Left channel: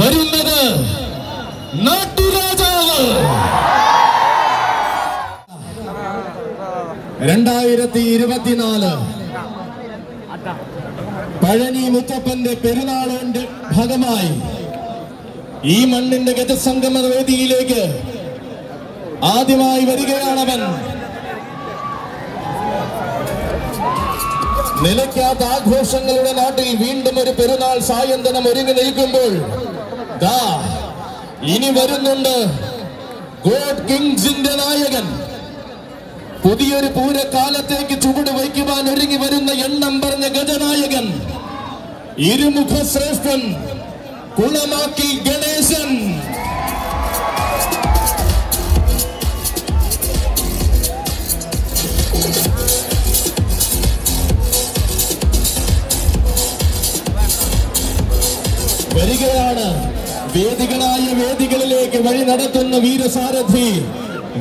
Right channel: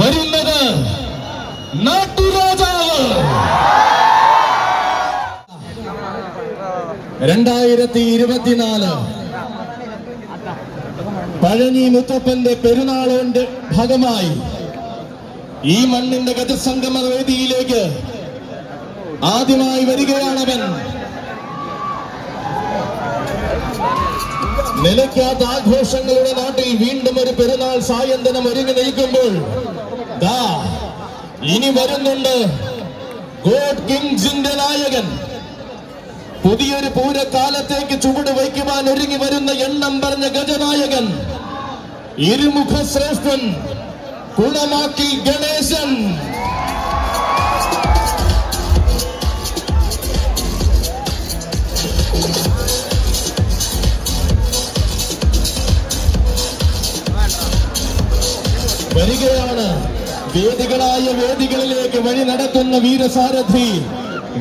വരുന്നത് നാട്ടുരാജാവ് 2024 പഴനി മുത്തപ്പന്റെ പെരുന്നാളിന്റെ ഭാഗമായി ഈ മണ്ണിന്റെ ഗജസംഗമ വേദിയിലേക്ക് ആദ്യമായി വരികയാണവൻ. നിലയ്ക്കാത്ത ആഘോഷങ്ങളുടെ നാട്ടിൽ വീണ്ടും ഒരു പെരുന്നാൾ സായന്തനം ഒരുങ്ങി നിൽക്കുമ്പോൾ ഇനി വരുന്നുണ്ട് ഗോഡ് കിങ്സിന്റെ നായകൻ. പുതിയൊരു പൂരക്കാലത്തേക്ക് ചുവട് വയ്ക്കുവാൻ ഒരുങ്ങി വരുന്ന എണ്ണം പറഞ്ഞ ഗജനായകൻ, ഇരുമുഖ ശ്രേഷ്ഠൻ കുളമാക്കി ഗണേശൻ. വരികയാണ് വേദികളായ വേദികളിലേക്ക് വഴി നടത്തുന്ന വീരസാരഥി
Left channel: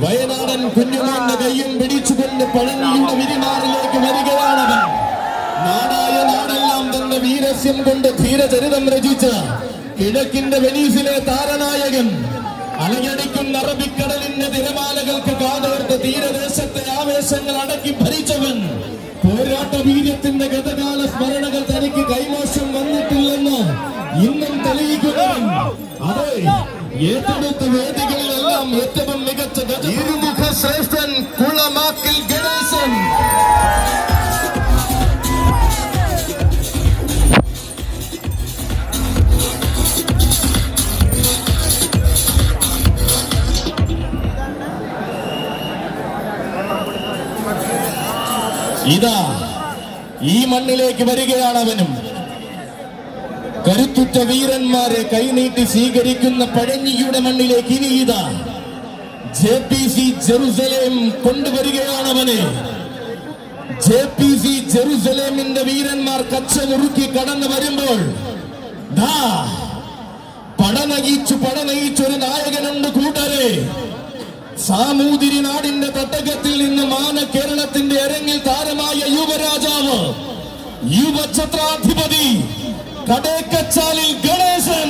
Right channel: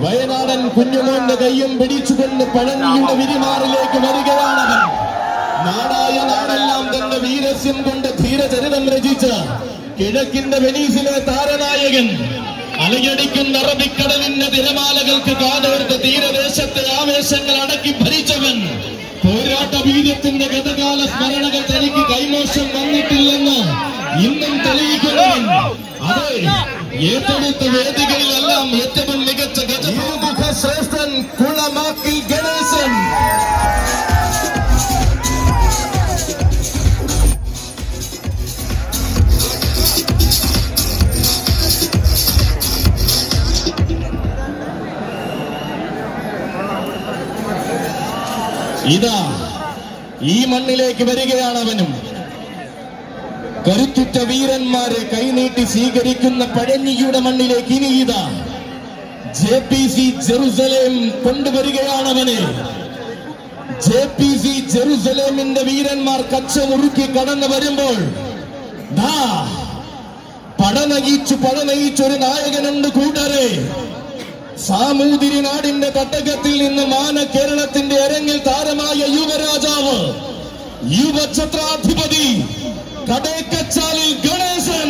വയനാടൻ കുഞ്ഞുമോന്റെ കയ്യും പിടിച്ചുകൊണ്ട് പഴനിയുടെ വിരിമാറിലേക്ക് വരികയാണവൻ. നാടായ നാടെല്ലാം തന്റെ വീരസ്യം കൊണ്ട് ധീരചരിതം രചിച്ച കിഴക്കിന്റെ വെനീസിലെ താരനായകൻ, അലയടിക്കുന്ന അറബിക്കടലിന്റെ തിരമാലകൾക്ക് കാതോർത്ത് തീരദേശത്തെ ആവേശങ്ങൾ അടക്കി ഭരിച്ചവൻ, പോരാട്ട വീര്യത്തിന്റെ ഗതകാല സ്മരണകൾ തനിക്ക് കൈമോശം വന്നിട്ടില്ലെന്ന് ഇന്നും തെളിയിക്കുന്നവൻ. അതെ, ഏറ്റെടുത്ത വേദികളിലെല്ലാം ഏറ്റവും മികച്ച ഇരുമുഖ ശ്രേഷ്ഠൻ കുളമാക്കിൽ ഗണേശൻ. ഇതാ ഈ മണ്ണിലേക്ക് വരികയാണവനും. കരുത്തുറ്റ വീരന്മാരെ കൈനീട്ടി സ്വീകരിക്കുന്ന പഴനിയുടെ മണ്ണിലേക്ക് ഇനി ഇതാ JPC ജെറുസലേം കൊണ്ടുവരികയാണവനെ. JPC ജെറുസലേമിന്റെ വീരന്മാർ കച്ചമുറുക്കി കടന്നു വരുമ്പോൾ പടനയിച്ചൊരു നായകനുണ്ട് കൂട്ടരെ. സാമൂതിരി നാടിന്റെ തട്ടകത്തിൽ നിന്ന് മാന കേരളത്തിന്റെ അരങ്ങിൽ താരമായ യുവരാജാവ്, യുവഛത്രാധിപതി കടേക്കച്ചാലിൽ ഗണേശൻ.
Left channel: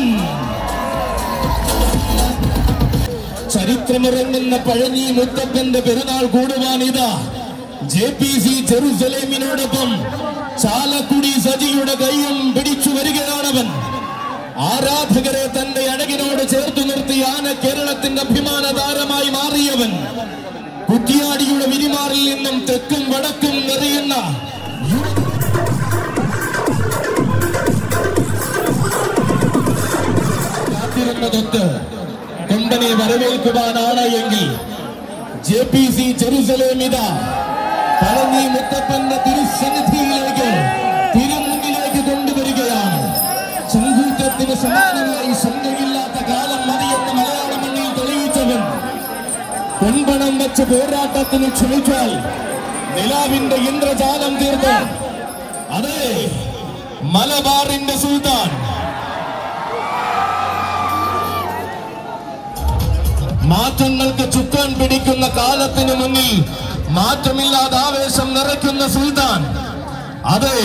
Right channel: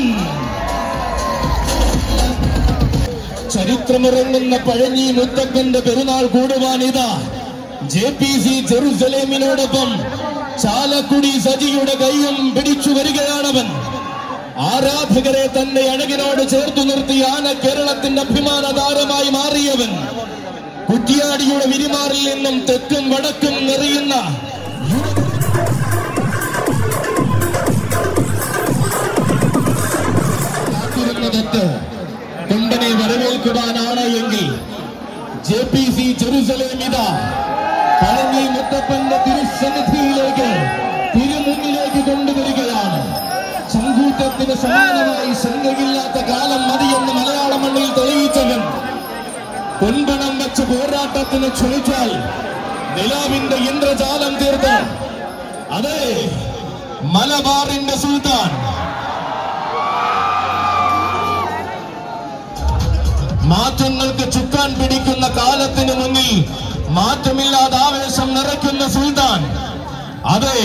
ചരിത്രമിറങ്ങുന്ന പഴനി മുത്തപ്പന്റെ പെരുന്നാൾ കൂടുവാൻ ഇതാ JPC ജെറുസലേമിനോടൊപ്പം ചാലക്കുടി സജിയുടെ കൈയും പിടിച്ചു വരികയാണവൻ. ആരാധകരെ തന്റെ അഴകിനോട് ചേർത്തു നിർത്തി ആന കേരളത്തിന്റെ അഭിമാന താരമായി മാറിയവൻ. കുറ്റിയാടിയുടെ വിരിമാറിൽ നിന്നും തെക്കും വടക്കും നിറയുന്ന കാത്തിരുന്നതൊത്ത് കൊണ്ടനെ വരവേൽക്കുവാനാണ് എങ്കിൽ JPC ജെറുസലേം ഇതാ പഴനി മുത്തപ്പന്റെ തിരുസന്നിധിയിലേക്ക് തിരുമുന്നിലേക്ക് കൊണ്ടുവരികയാണ്. ചങ്കൂറ്റത്തിന് സമാനമായി ശങ്കയില്ലാത്ത കാലം മതിയെന്ന് മലയാള മണ്ണിൽ തെളിയിച്ചവൻ, പൊൻപണം വെച്ച് പോരാട്ടത്തിന് ക്ഷണിച്ചാൽ നിലാവിന്റെ ഇന്ദ്രജാലം തീർത്ത്, അതെ, മലബാറിന്റെ സുൽത്താൻ, മാറ്റങ്ങൾക്ക് ചുക്കാൻ പിടിക്കുന്ന കാലത്തിന് മുന്നിൽ മാറ്റമില്ലാതെ ആവേശം നിറയ്ക്കുന്ന സുൽത്താൻ, അതെ,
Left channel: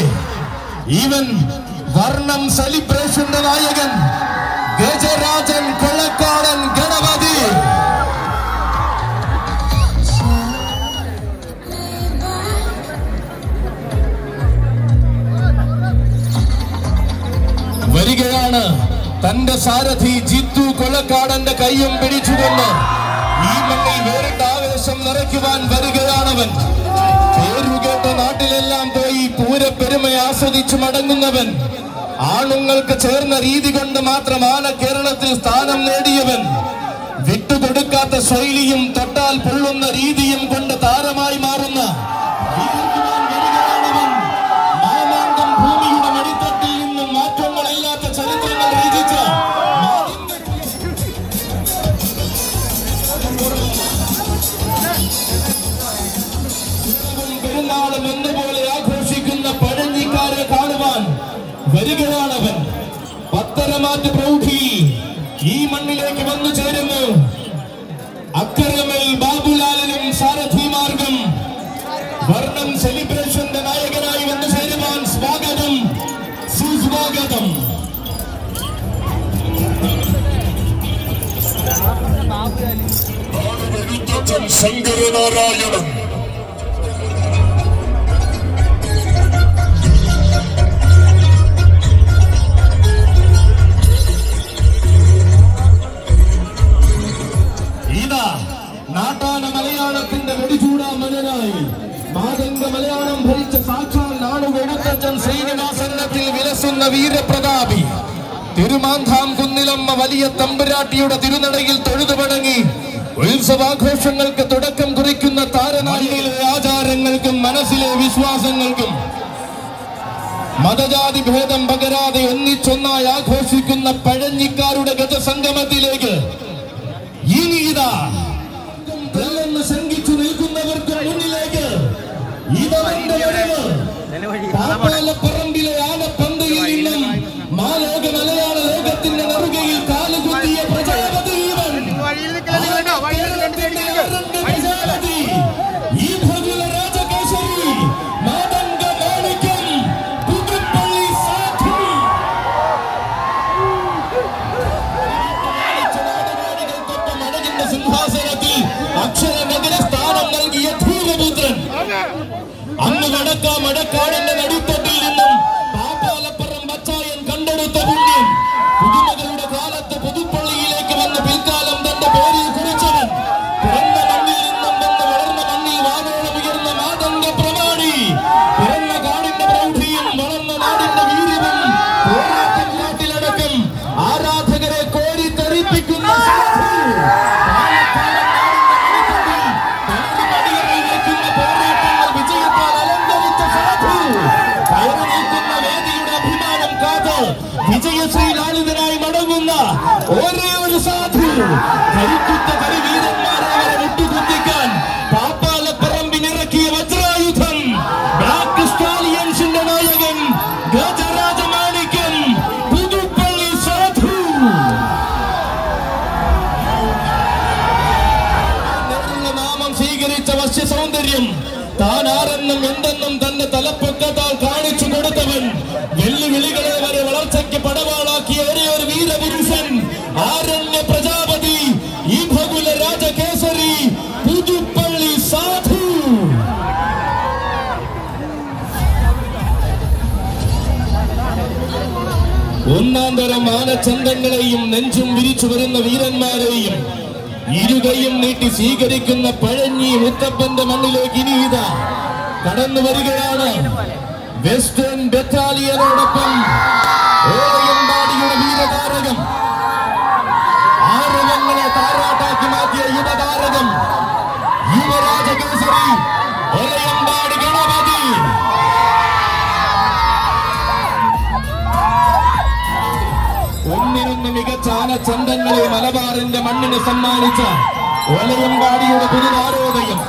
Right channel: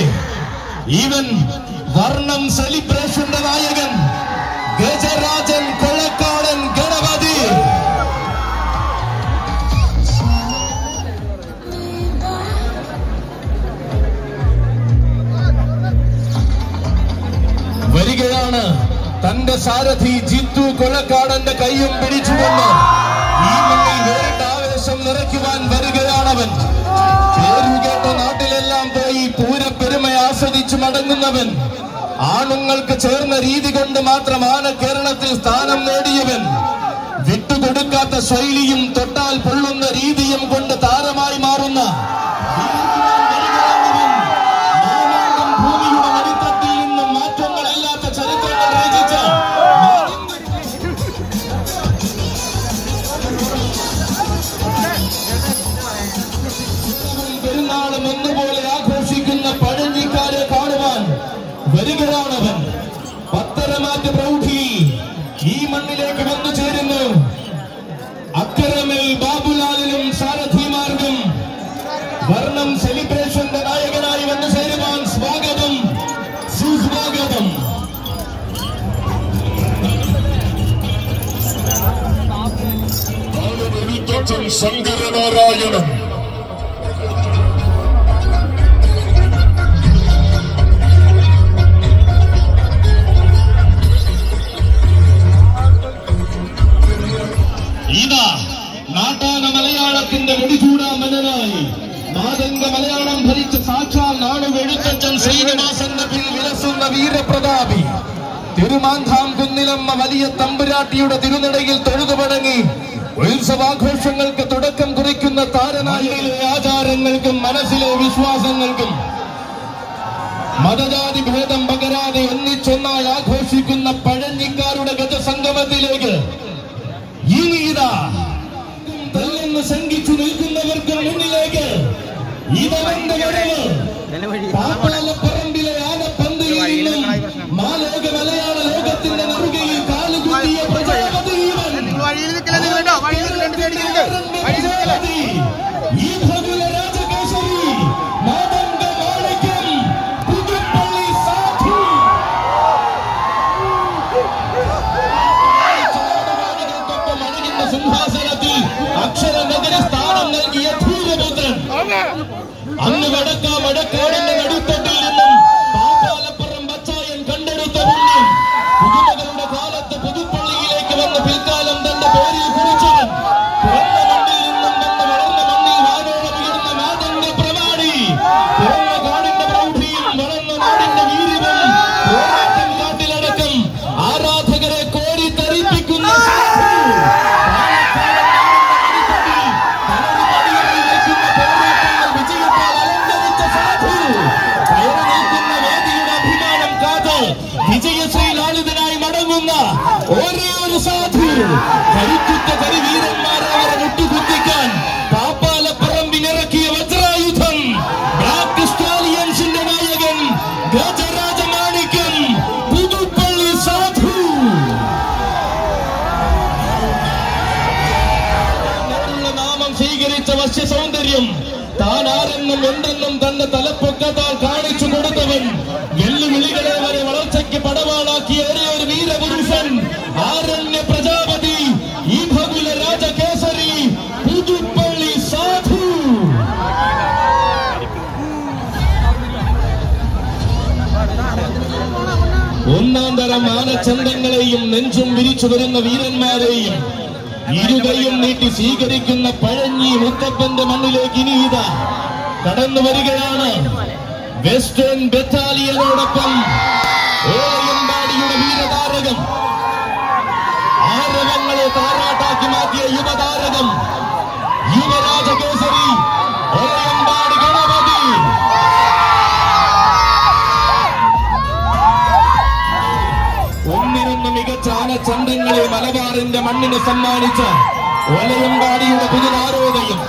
ഈവൻ വർണ്ണം സെലിബ്രേഷന്റെ നായകൻ ഗജരാജൻ കൊളക്കാടൻ ഗണപതി. വരികയാണ് തന്റെ സാരഥി ജിത്തു കൊളക്കാടന്റെ കൈയും പിടിച്ചുകൊണ്ട് ഈ മണ്ണിൽ വേറിട്ട ആവേശം നിറയ്ക്കുവാൻ വരികയാണവൻ. പേരുകേട്ട നാട്ടിലെല്ലാം പോയി പൂരപ്പെരുമ ആസ്വദിച്ചു മടങ്ങുന്നവൻ, ആണുങ്ങൾക്ക് ചേർന്ന രീതി കൊണ്ട് മാത്രം ആന കേരളത്തിൽ സ്ഥാനം നേടിയവൻ, വിട്ടുകൊടുക്കാത്ത ശൈലിയും തൊട്ടാൽ പൊള്ളുന്ന രീതിയും കൊണ്ട് താരമായി മാറുന്ന ഭൂമിയുടെ മടിത്തട്ടിൽ നിന്നും മാറ്റങ്ങളില്ലാത്ത ചരിത്രങ്ങൾ രചിച്ച പെരുന്നാളും എന്നുപോലെ ആഘോഷിക്കുന്ന പഴഞ്ഞിക്കാരെ കാണുവാൻ വരികയാണവൻ. പത്തരമാറ്റ പ്രൗഢിയിൽ ശങ്കരനാരായണൻ. ഇതാ നാട്ടാന മലയാളത്തിന്റെ വെടിചൂടാമനായി മാതംഗ മലയാളം ഭരിച്ച സാക്ഷാൽ നാടുകൊടുത്തച്ഛൻ ശ്രീനിവാസന്റെ പിൽ വിലസുന്ന വീരപ്രതാപി തിരുമാന്താം കുന്നിലമ്മ വലിയ തമ്പുരാട്ടിയുടെ തിരുനടയിൽ തൊഴുതുപടങ്ങി ഉത്സവാഘോഷങ്ങൾക്ക് തുടക്കം കുറിക്കുന്ന താരനായിലെ ആചാരങ്ങൾക്കും മനസ്സിലെ വിശ്വാസങ്ങൾക്കും മതജാതി ഭേദം പകരാതെ ഒന്നിച്ചൊന്നായി ആഘോഷിക്കുന്ന പഴഞ്ഞിക്കാരുടെ ഗജസംഗമത്തിലേക്ക് ഇനി ഇതാ തെല്ലെന്ന് ശങ്കിച്ചു നിൽക്കുന്നവർക്ക് മുന്നിലേക്ക് ഇതവന്റെ വരവ് പാപ്പാലപ്പറമ്പിലെ ആനപ്പന്തിയിൽ നിന്നും മാലോക മലയാള ലോകത്തിന്റെ നെറുകയിൽ കാലുകുത്തിയ പ്രജാപതി ഈ ഭഗുല രാജകേശരി മാതംഗ മാണിക്യം പുതുപ്പള്ളി സാധു സിംഹാസനത്തിൽ അക്ഷര നഗര സ്ഥാനം നൽകിയ ധീരപുത്രൻ അന്ന് വടക്കാടിന്റെ നടുത്തട്ടിൽ നിന്നും പാപ്പാലപ്പുറം ബച്ചായൻ കണ്ടെടുത്ത പുണ്യം പുതുമകളുടെ കാലത്ത് പുതുപ്പള്ളിയിലേക്ക് വന്ന് പിൽക്കാലം തന്റെ പേരിൽ കുറിച്ചവൻ പിറന്ന മണ്ണിൽ നിന്നും വന്ന് വളർന്ന മണ്ണിൽ വാനോളം ഉയർന്ന മാതംഗ പ്രമാണി പിറന്ന കാടിന്റെ പ്രൗഢിയും വളർന്ന നാടിന്റെ വീര്യവും പോരാട്ടം നാട്ടിലടക്കം ആരാധകരെ കോരിത്തരിപ്പിക്കുന്ന വിജയശ്രീ ലാളിതനായി മടങ്ങുന്ന ഒരേ ഒരു സാധു കരുത്തുറ്റ കരിവീരന്മാരെ അവരെ മുട്ടുകുത്തിക്കാൻ പാപ്പാലപ്പറമ്പിലിറക്കിയ വജ്രായുധം ബ്ലാക്ക് സ്റ്റാലിയൻസിന്റെ നായകൻ ഗജരാജമാണിക്യം പുതുപ്പള്ളി സാധു. നാമം സ്വീകരിച്ച വശ്യ സൗന്ദര്യം താൻ ആരെന്നും എന്തെന്നും തന്റെ തലപ്പൊക്കത്താൽ കാണിച്ചു കൊടുത്തവൻ വെല്ലുവിളികളെ വരെ വളർച്ചയ്ക്ക് പടവാളാക്കിയ ഒരേ ഒരു വീരപുരുഷൻ ആരണ്യ പ്രജാപതി ഈ ഭഗുല രാജകേസരി പുതുപ്പള്ളി സാധു. ഒന്നാം തരം ആനച്ചന്തങ്ങളെയും നെഞ്ചും വിരിച്ചു വരുന്ന വീരന്മാരെയും ഇരുകയും നീട്ടി സ്വീകരിക്കുന്ന പഴഞ്ഞി മുത്തപ്പന്റെ മണ്ണിലേക്ക് ഇനി ഇതാ കടന്നു വരികയാണ് വെസ്റ്റേൺ ബറ്റാലിയനോടൊപ്പം ഓലയമ്പാടിയുടെ വീരതാരകം ആരവങ്ങളെ താരാട്ടാക്കി മാറ്റിയ യുവതാരകം യുവരാജകേസരി ഓലയമ്പാടി ഗണപതി. ഒന്നിനൊന്ന് മികച്ച ആനച്ചന്തങ്ങളെ മലബാറിന്റെ മണ്ണിന് സമ്മാനിച്ച ഓലയമ്പാടിയുടെ പുതുനാരോദയം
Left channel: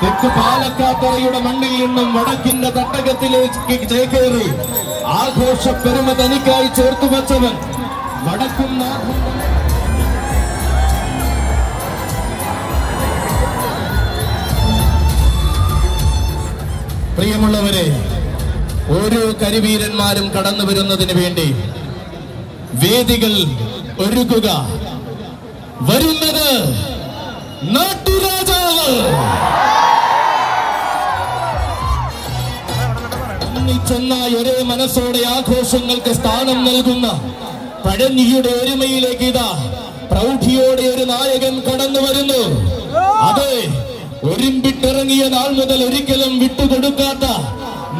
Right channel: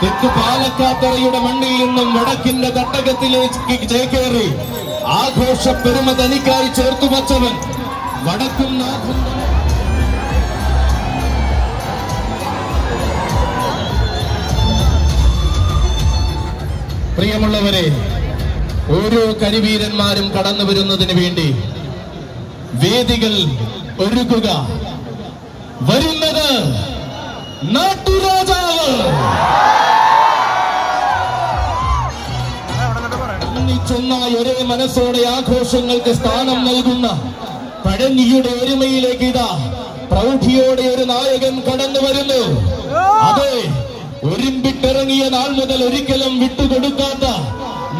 തെക്ക് പാലക്കാത്തറയുടെ മണ്ണിൽ നിന്നും വടക്കിന്റെ തട്ടകത്തിലേക്ക് ചേക്കേറി ആഘോഷ പെരുമ തനിക്കായി ചേർത്തുവച്ചവൻ വടക്കും നാഥും. പ്രിയമുള്ളവരെ, ഓരോ കരിവീരന്മാരും കടന്നു വരുന്നതിന് വേണ്ടി വേദികൾ ഒരുക്കുക. വരുന്നത് നാട്ടുരാജാവ് ഒന്നിച്ചൊന്നായി ഒരേ മനസ്സോടെ ആഘോഷങ്ങൾക്ക് സ്ഥാനം നൽകുന്ന പഴഞ്ഞിയുടെ ഒരുമയിലേക്ക് ഇതാ പ്രൗഢിയോടെ ഒരു നായകൻ കടന്നു വരുന്നു. അതെ, ഒരുമ്പിട്ടിറങ്ങിയ നാൾ മുതൽ ഒരിക്കലും വിട്ടുകൊടുക്കാത്ത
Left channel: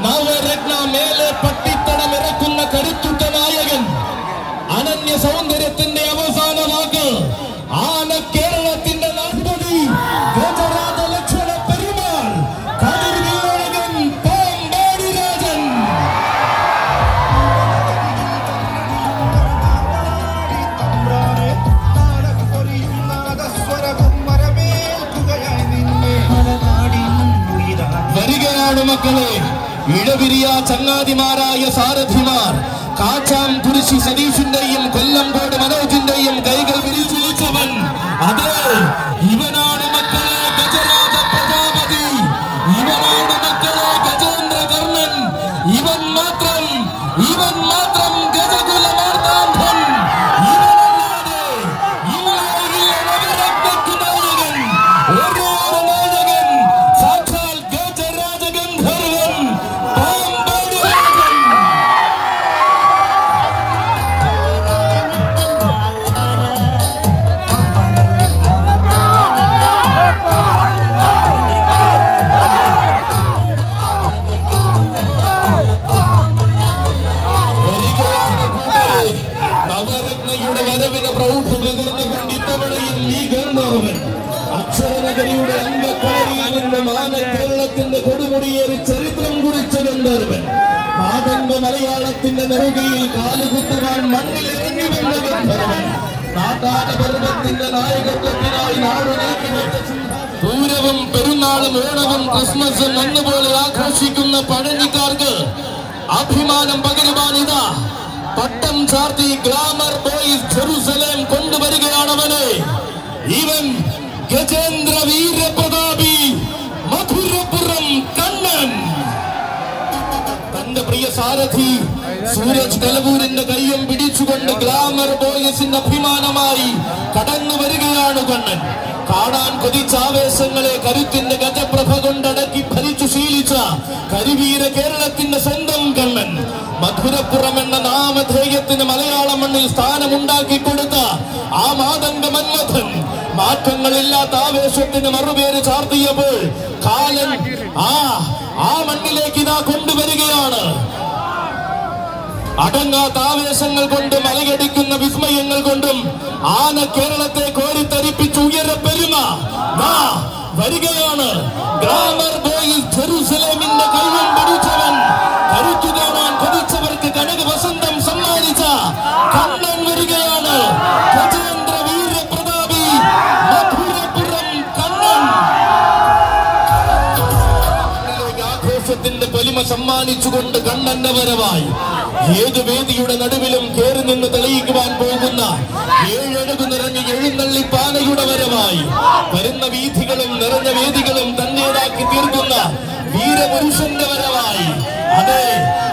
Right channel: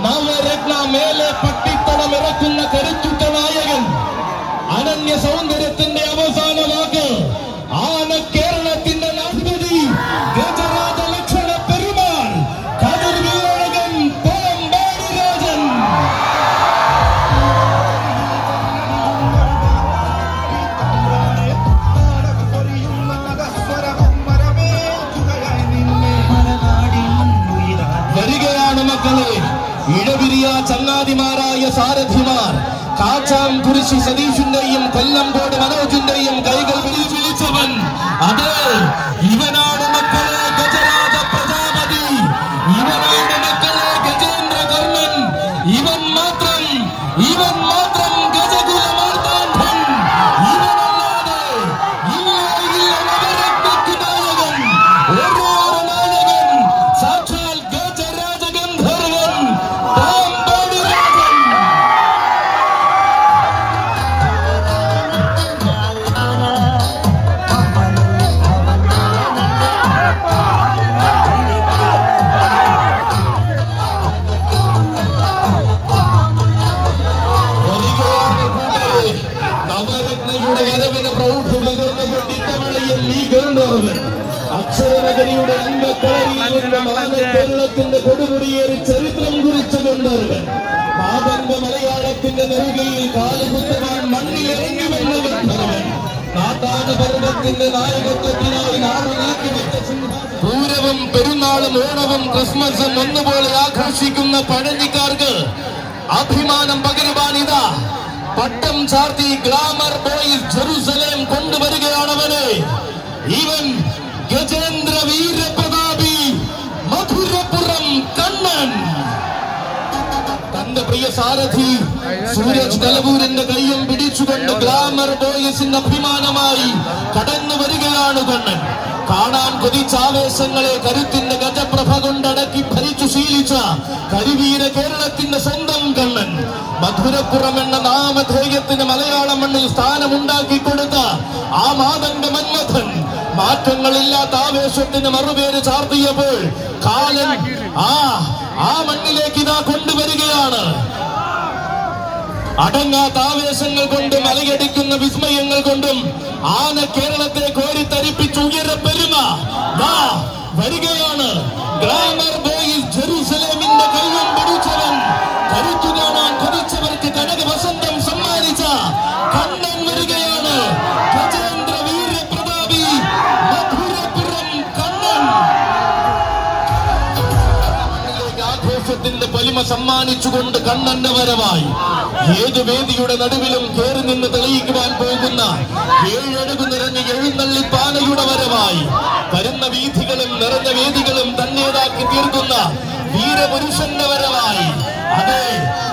നവരത്ന മേലെ പട്ടിത്തടമിറക്കുന്ന കരുത്തുറ്റ നായകൻ, അനന്യ സൗന്ദര്യത്തിന്റെ അവസാന വാക്ക് ആന കേരളത്തിന്റെ നാഥപതി ഗജരാജ ലക്ഷണ പെരുമാൾ കതിർവിളകൻ പാമ്പാടി രാജൻ. വരികയാണ് മക്കളെ, ഇടവിരിയ ചങ്ങാതിമാരായ സാരഥിമാർ കാച്ചാൻ കുരിശി സതീഷിന്റെയും കൊല്ലംകോട് മനോജിന്റെയും കൈകൾ വിരിച്ചിലിച്ചവൻ. അതെ, ഇവനാണ് മക്കളെ ഗജരാജ പ്രജാപതി, ഇവനാണ് മക്കളെ ഗജേന്ദ്ര കർണൻ, ഇവൻ മാത്രം ഗജകുലമാർത്താണ്ഡൻ, ഇവനല്ലാതെ ഇല്ല നവരത്നയ്ക്ക് നായകൻ. ഒരേ ആനയുടെ വരവിന് പ്രൗഢം പകർന്നുകൊണ്ട് ഇത്തവണയും ഈ ഗവർണറുവൻ അക്ഷരനഗരിയുടെ അംഗക്കളരിയിൽ നിന്നും ആന കേരളത്തിന്റെ കൊടുമുടിയേറി ചരിത്രം കുറിച്ചു കൊണ്ടവൻ മാതംഗ മലയാളത്തിന്റെ നെറുകയിൽ കാലുകുത്തുവാൻ മണ്ണിലിറങ്ങി വന്ന ഗന്ധർവൻ കാട്ടാന പർവ്വത്തിന്റെ നായകത്വത്തിനായി നാട് നീക്കിവെച്ച പൂരവും പെരുന്നാളും ഓണവും ക്രിസ്മസും ഒന്നുപോലെ ആഘോഷിക്കുന്ന പഴഞ്ഞിക്കാർക്ക് അഭിമാനം പകരുവാനിതാ പട്ടം ചാർത്തി ഗ്ലാമർ ബോയ്സ് ജെറുസലേം കൊണ്ടുവരികയാണവനെ. ഇവൻ ഗജേന്ദ്ര വീരപ്രതാപി മധുരപുരം കണ്ണൻ. തന്റെ പ്രിയ സാരഥി സൂരജ് കലവൂരിന്റെ കയ്യും പിടിച്ചുകൊണ്ട് ഗ്ലാമർ ബോയ്സിന്റെ അഭിമാനമായി കടന്നു വരികയാണ് കണ്ണൻ. കാണാൻ കൊതിച്ചാവേശങ്ങളെ കരുത്തിന്റെ ഗജപ്രഭ കൊണ്ടടക്കി ഭരിച്ചു ശീലിച്ച കരിവീര കേരളത്തിന്റെ സ്വന്തം കണ്ണൻ. മധുരപ്പുറം എന്ന നാമധേയത്തിന് മലയാള മണ്ണിൽ സ്ഥാനമുണ്ടാക്കി കൊടുത്ത ആ മാതംഗ മന്മഥൻ മാറ്റങ്ങളില്ലാത്ത ആവേശത്തിന് മറുപേര് ചാർത്തിയപ്പോൾ കാലൻ ആ മണ്ണിലേക്ക് ഇതാ കൊണ്ടുവരികയാണ്. അടങ്ങാത്ത ആവേശങ്ങൾ കൊണ്ടും അലകടിക്കുന്ന വിസ്മയങ്ങൾ കൊണ്ടും ആന കേരളത്തെ കോരിത്തരിപ്പിച്ച് ഉയരപ്പെരുമ വരികയാണ്. ഗ്ലാമർ ബോയ്സ് ജെറുസലേമിന്റെ കൈയും പിടിച്ചവൻ കരുത്തു കാണാൻ കൊതിച്ചവർക്ക് കനക വസന്തം സമ്മാനിച്ച കണ്ണൻ വരികയാണ്. ഗജേന്ദ്ര വീരപ്രതാപി മധുരപുരം കണ്ണൻ. ആഘോഷത്തിന്റെ പൊലിമ സമ്മാനിച്ചുകൊണ്ട് കണ്ണന്റെ വരവായി ഏത് വേദിയുടെ നടുവിലും കയറി നിന്ന് തെളിയിക്കുവാൻ പോകുന്ന ഏഴഴകു നിറഞ്ഞ എഴുന്നള്ളിപ്പാനയുടെ വരവായി വരുന്ന വീഥികളും നിറഞ്ഞ വേദികളും തന്നേടാക്കി തീർക്കുന്ന വീരപുരുഷന്റെ വരവായി അതെ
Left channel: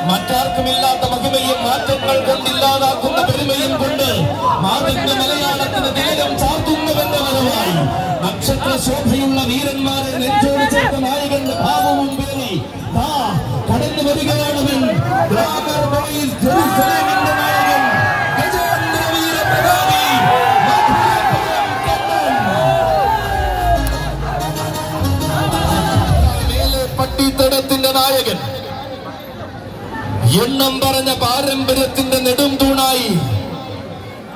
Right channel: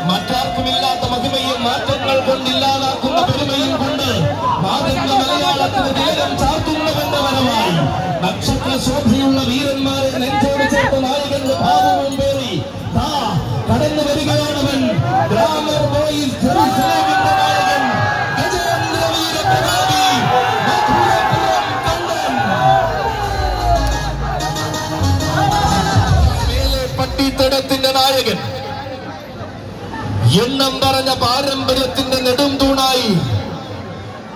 മറ്റാർക്കുമില്ലാത്ത മഹിമയും മാറ്റങ്ങൾ കൊണ്ടില്ലാതാക്കുന്ന പെരുമയും കൊണ്ട് മാതംഗ മലയാളത്തിന് തീരം ചാർത്തുന്നവന്റെ വരവായി നക്ഷത്ര ശോഭയുള്ള വീരന്മാരെ നെഞ്ചോട് ചേർത്ത നായകന്റെ ഭാവവും പേറി കടന്നു വരികയാണവൻ. ഗ്ലാമർ ബോയ്സ് ജെറുസലേമിന്റെ നായകൻ ഗജേന്ദ്ര വീരപ്രതാപി മധുരപുരം കണ്ണൻ. മേലെ പട്ടിത്തടത്തിന്റെ നായകൻ എണ്ണം പറഞ്ഞ പാരമ്പര്യത്തിന്റെ നെടും തൂണായി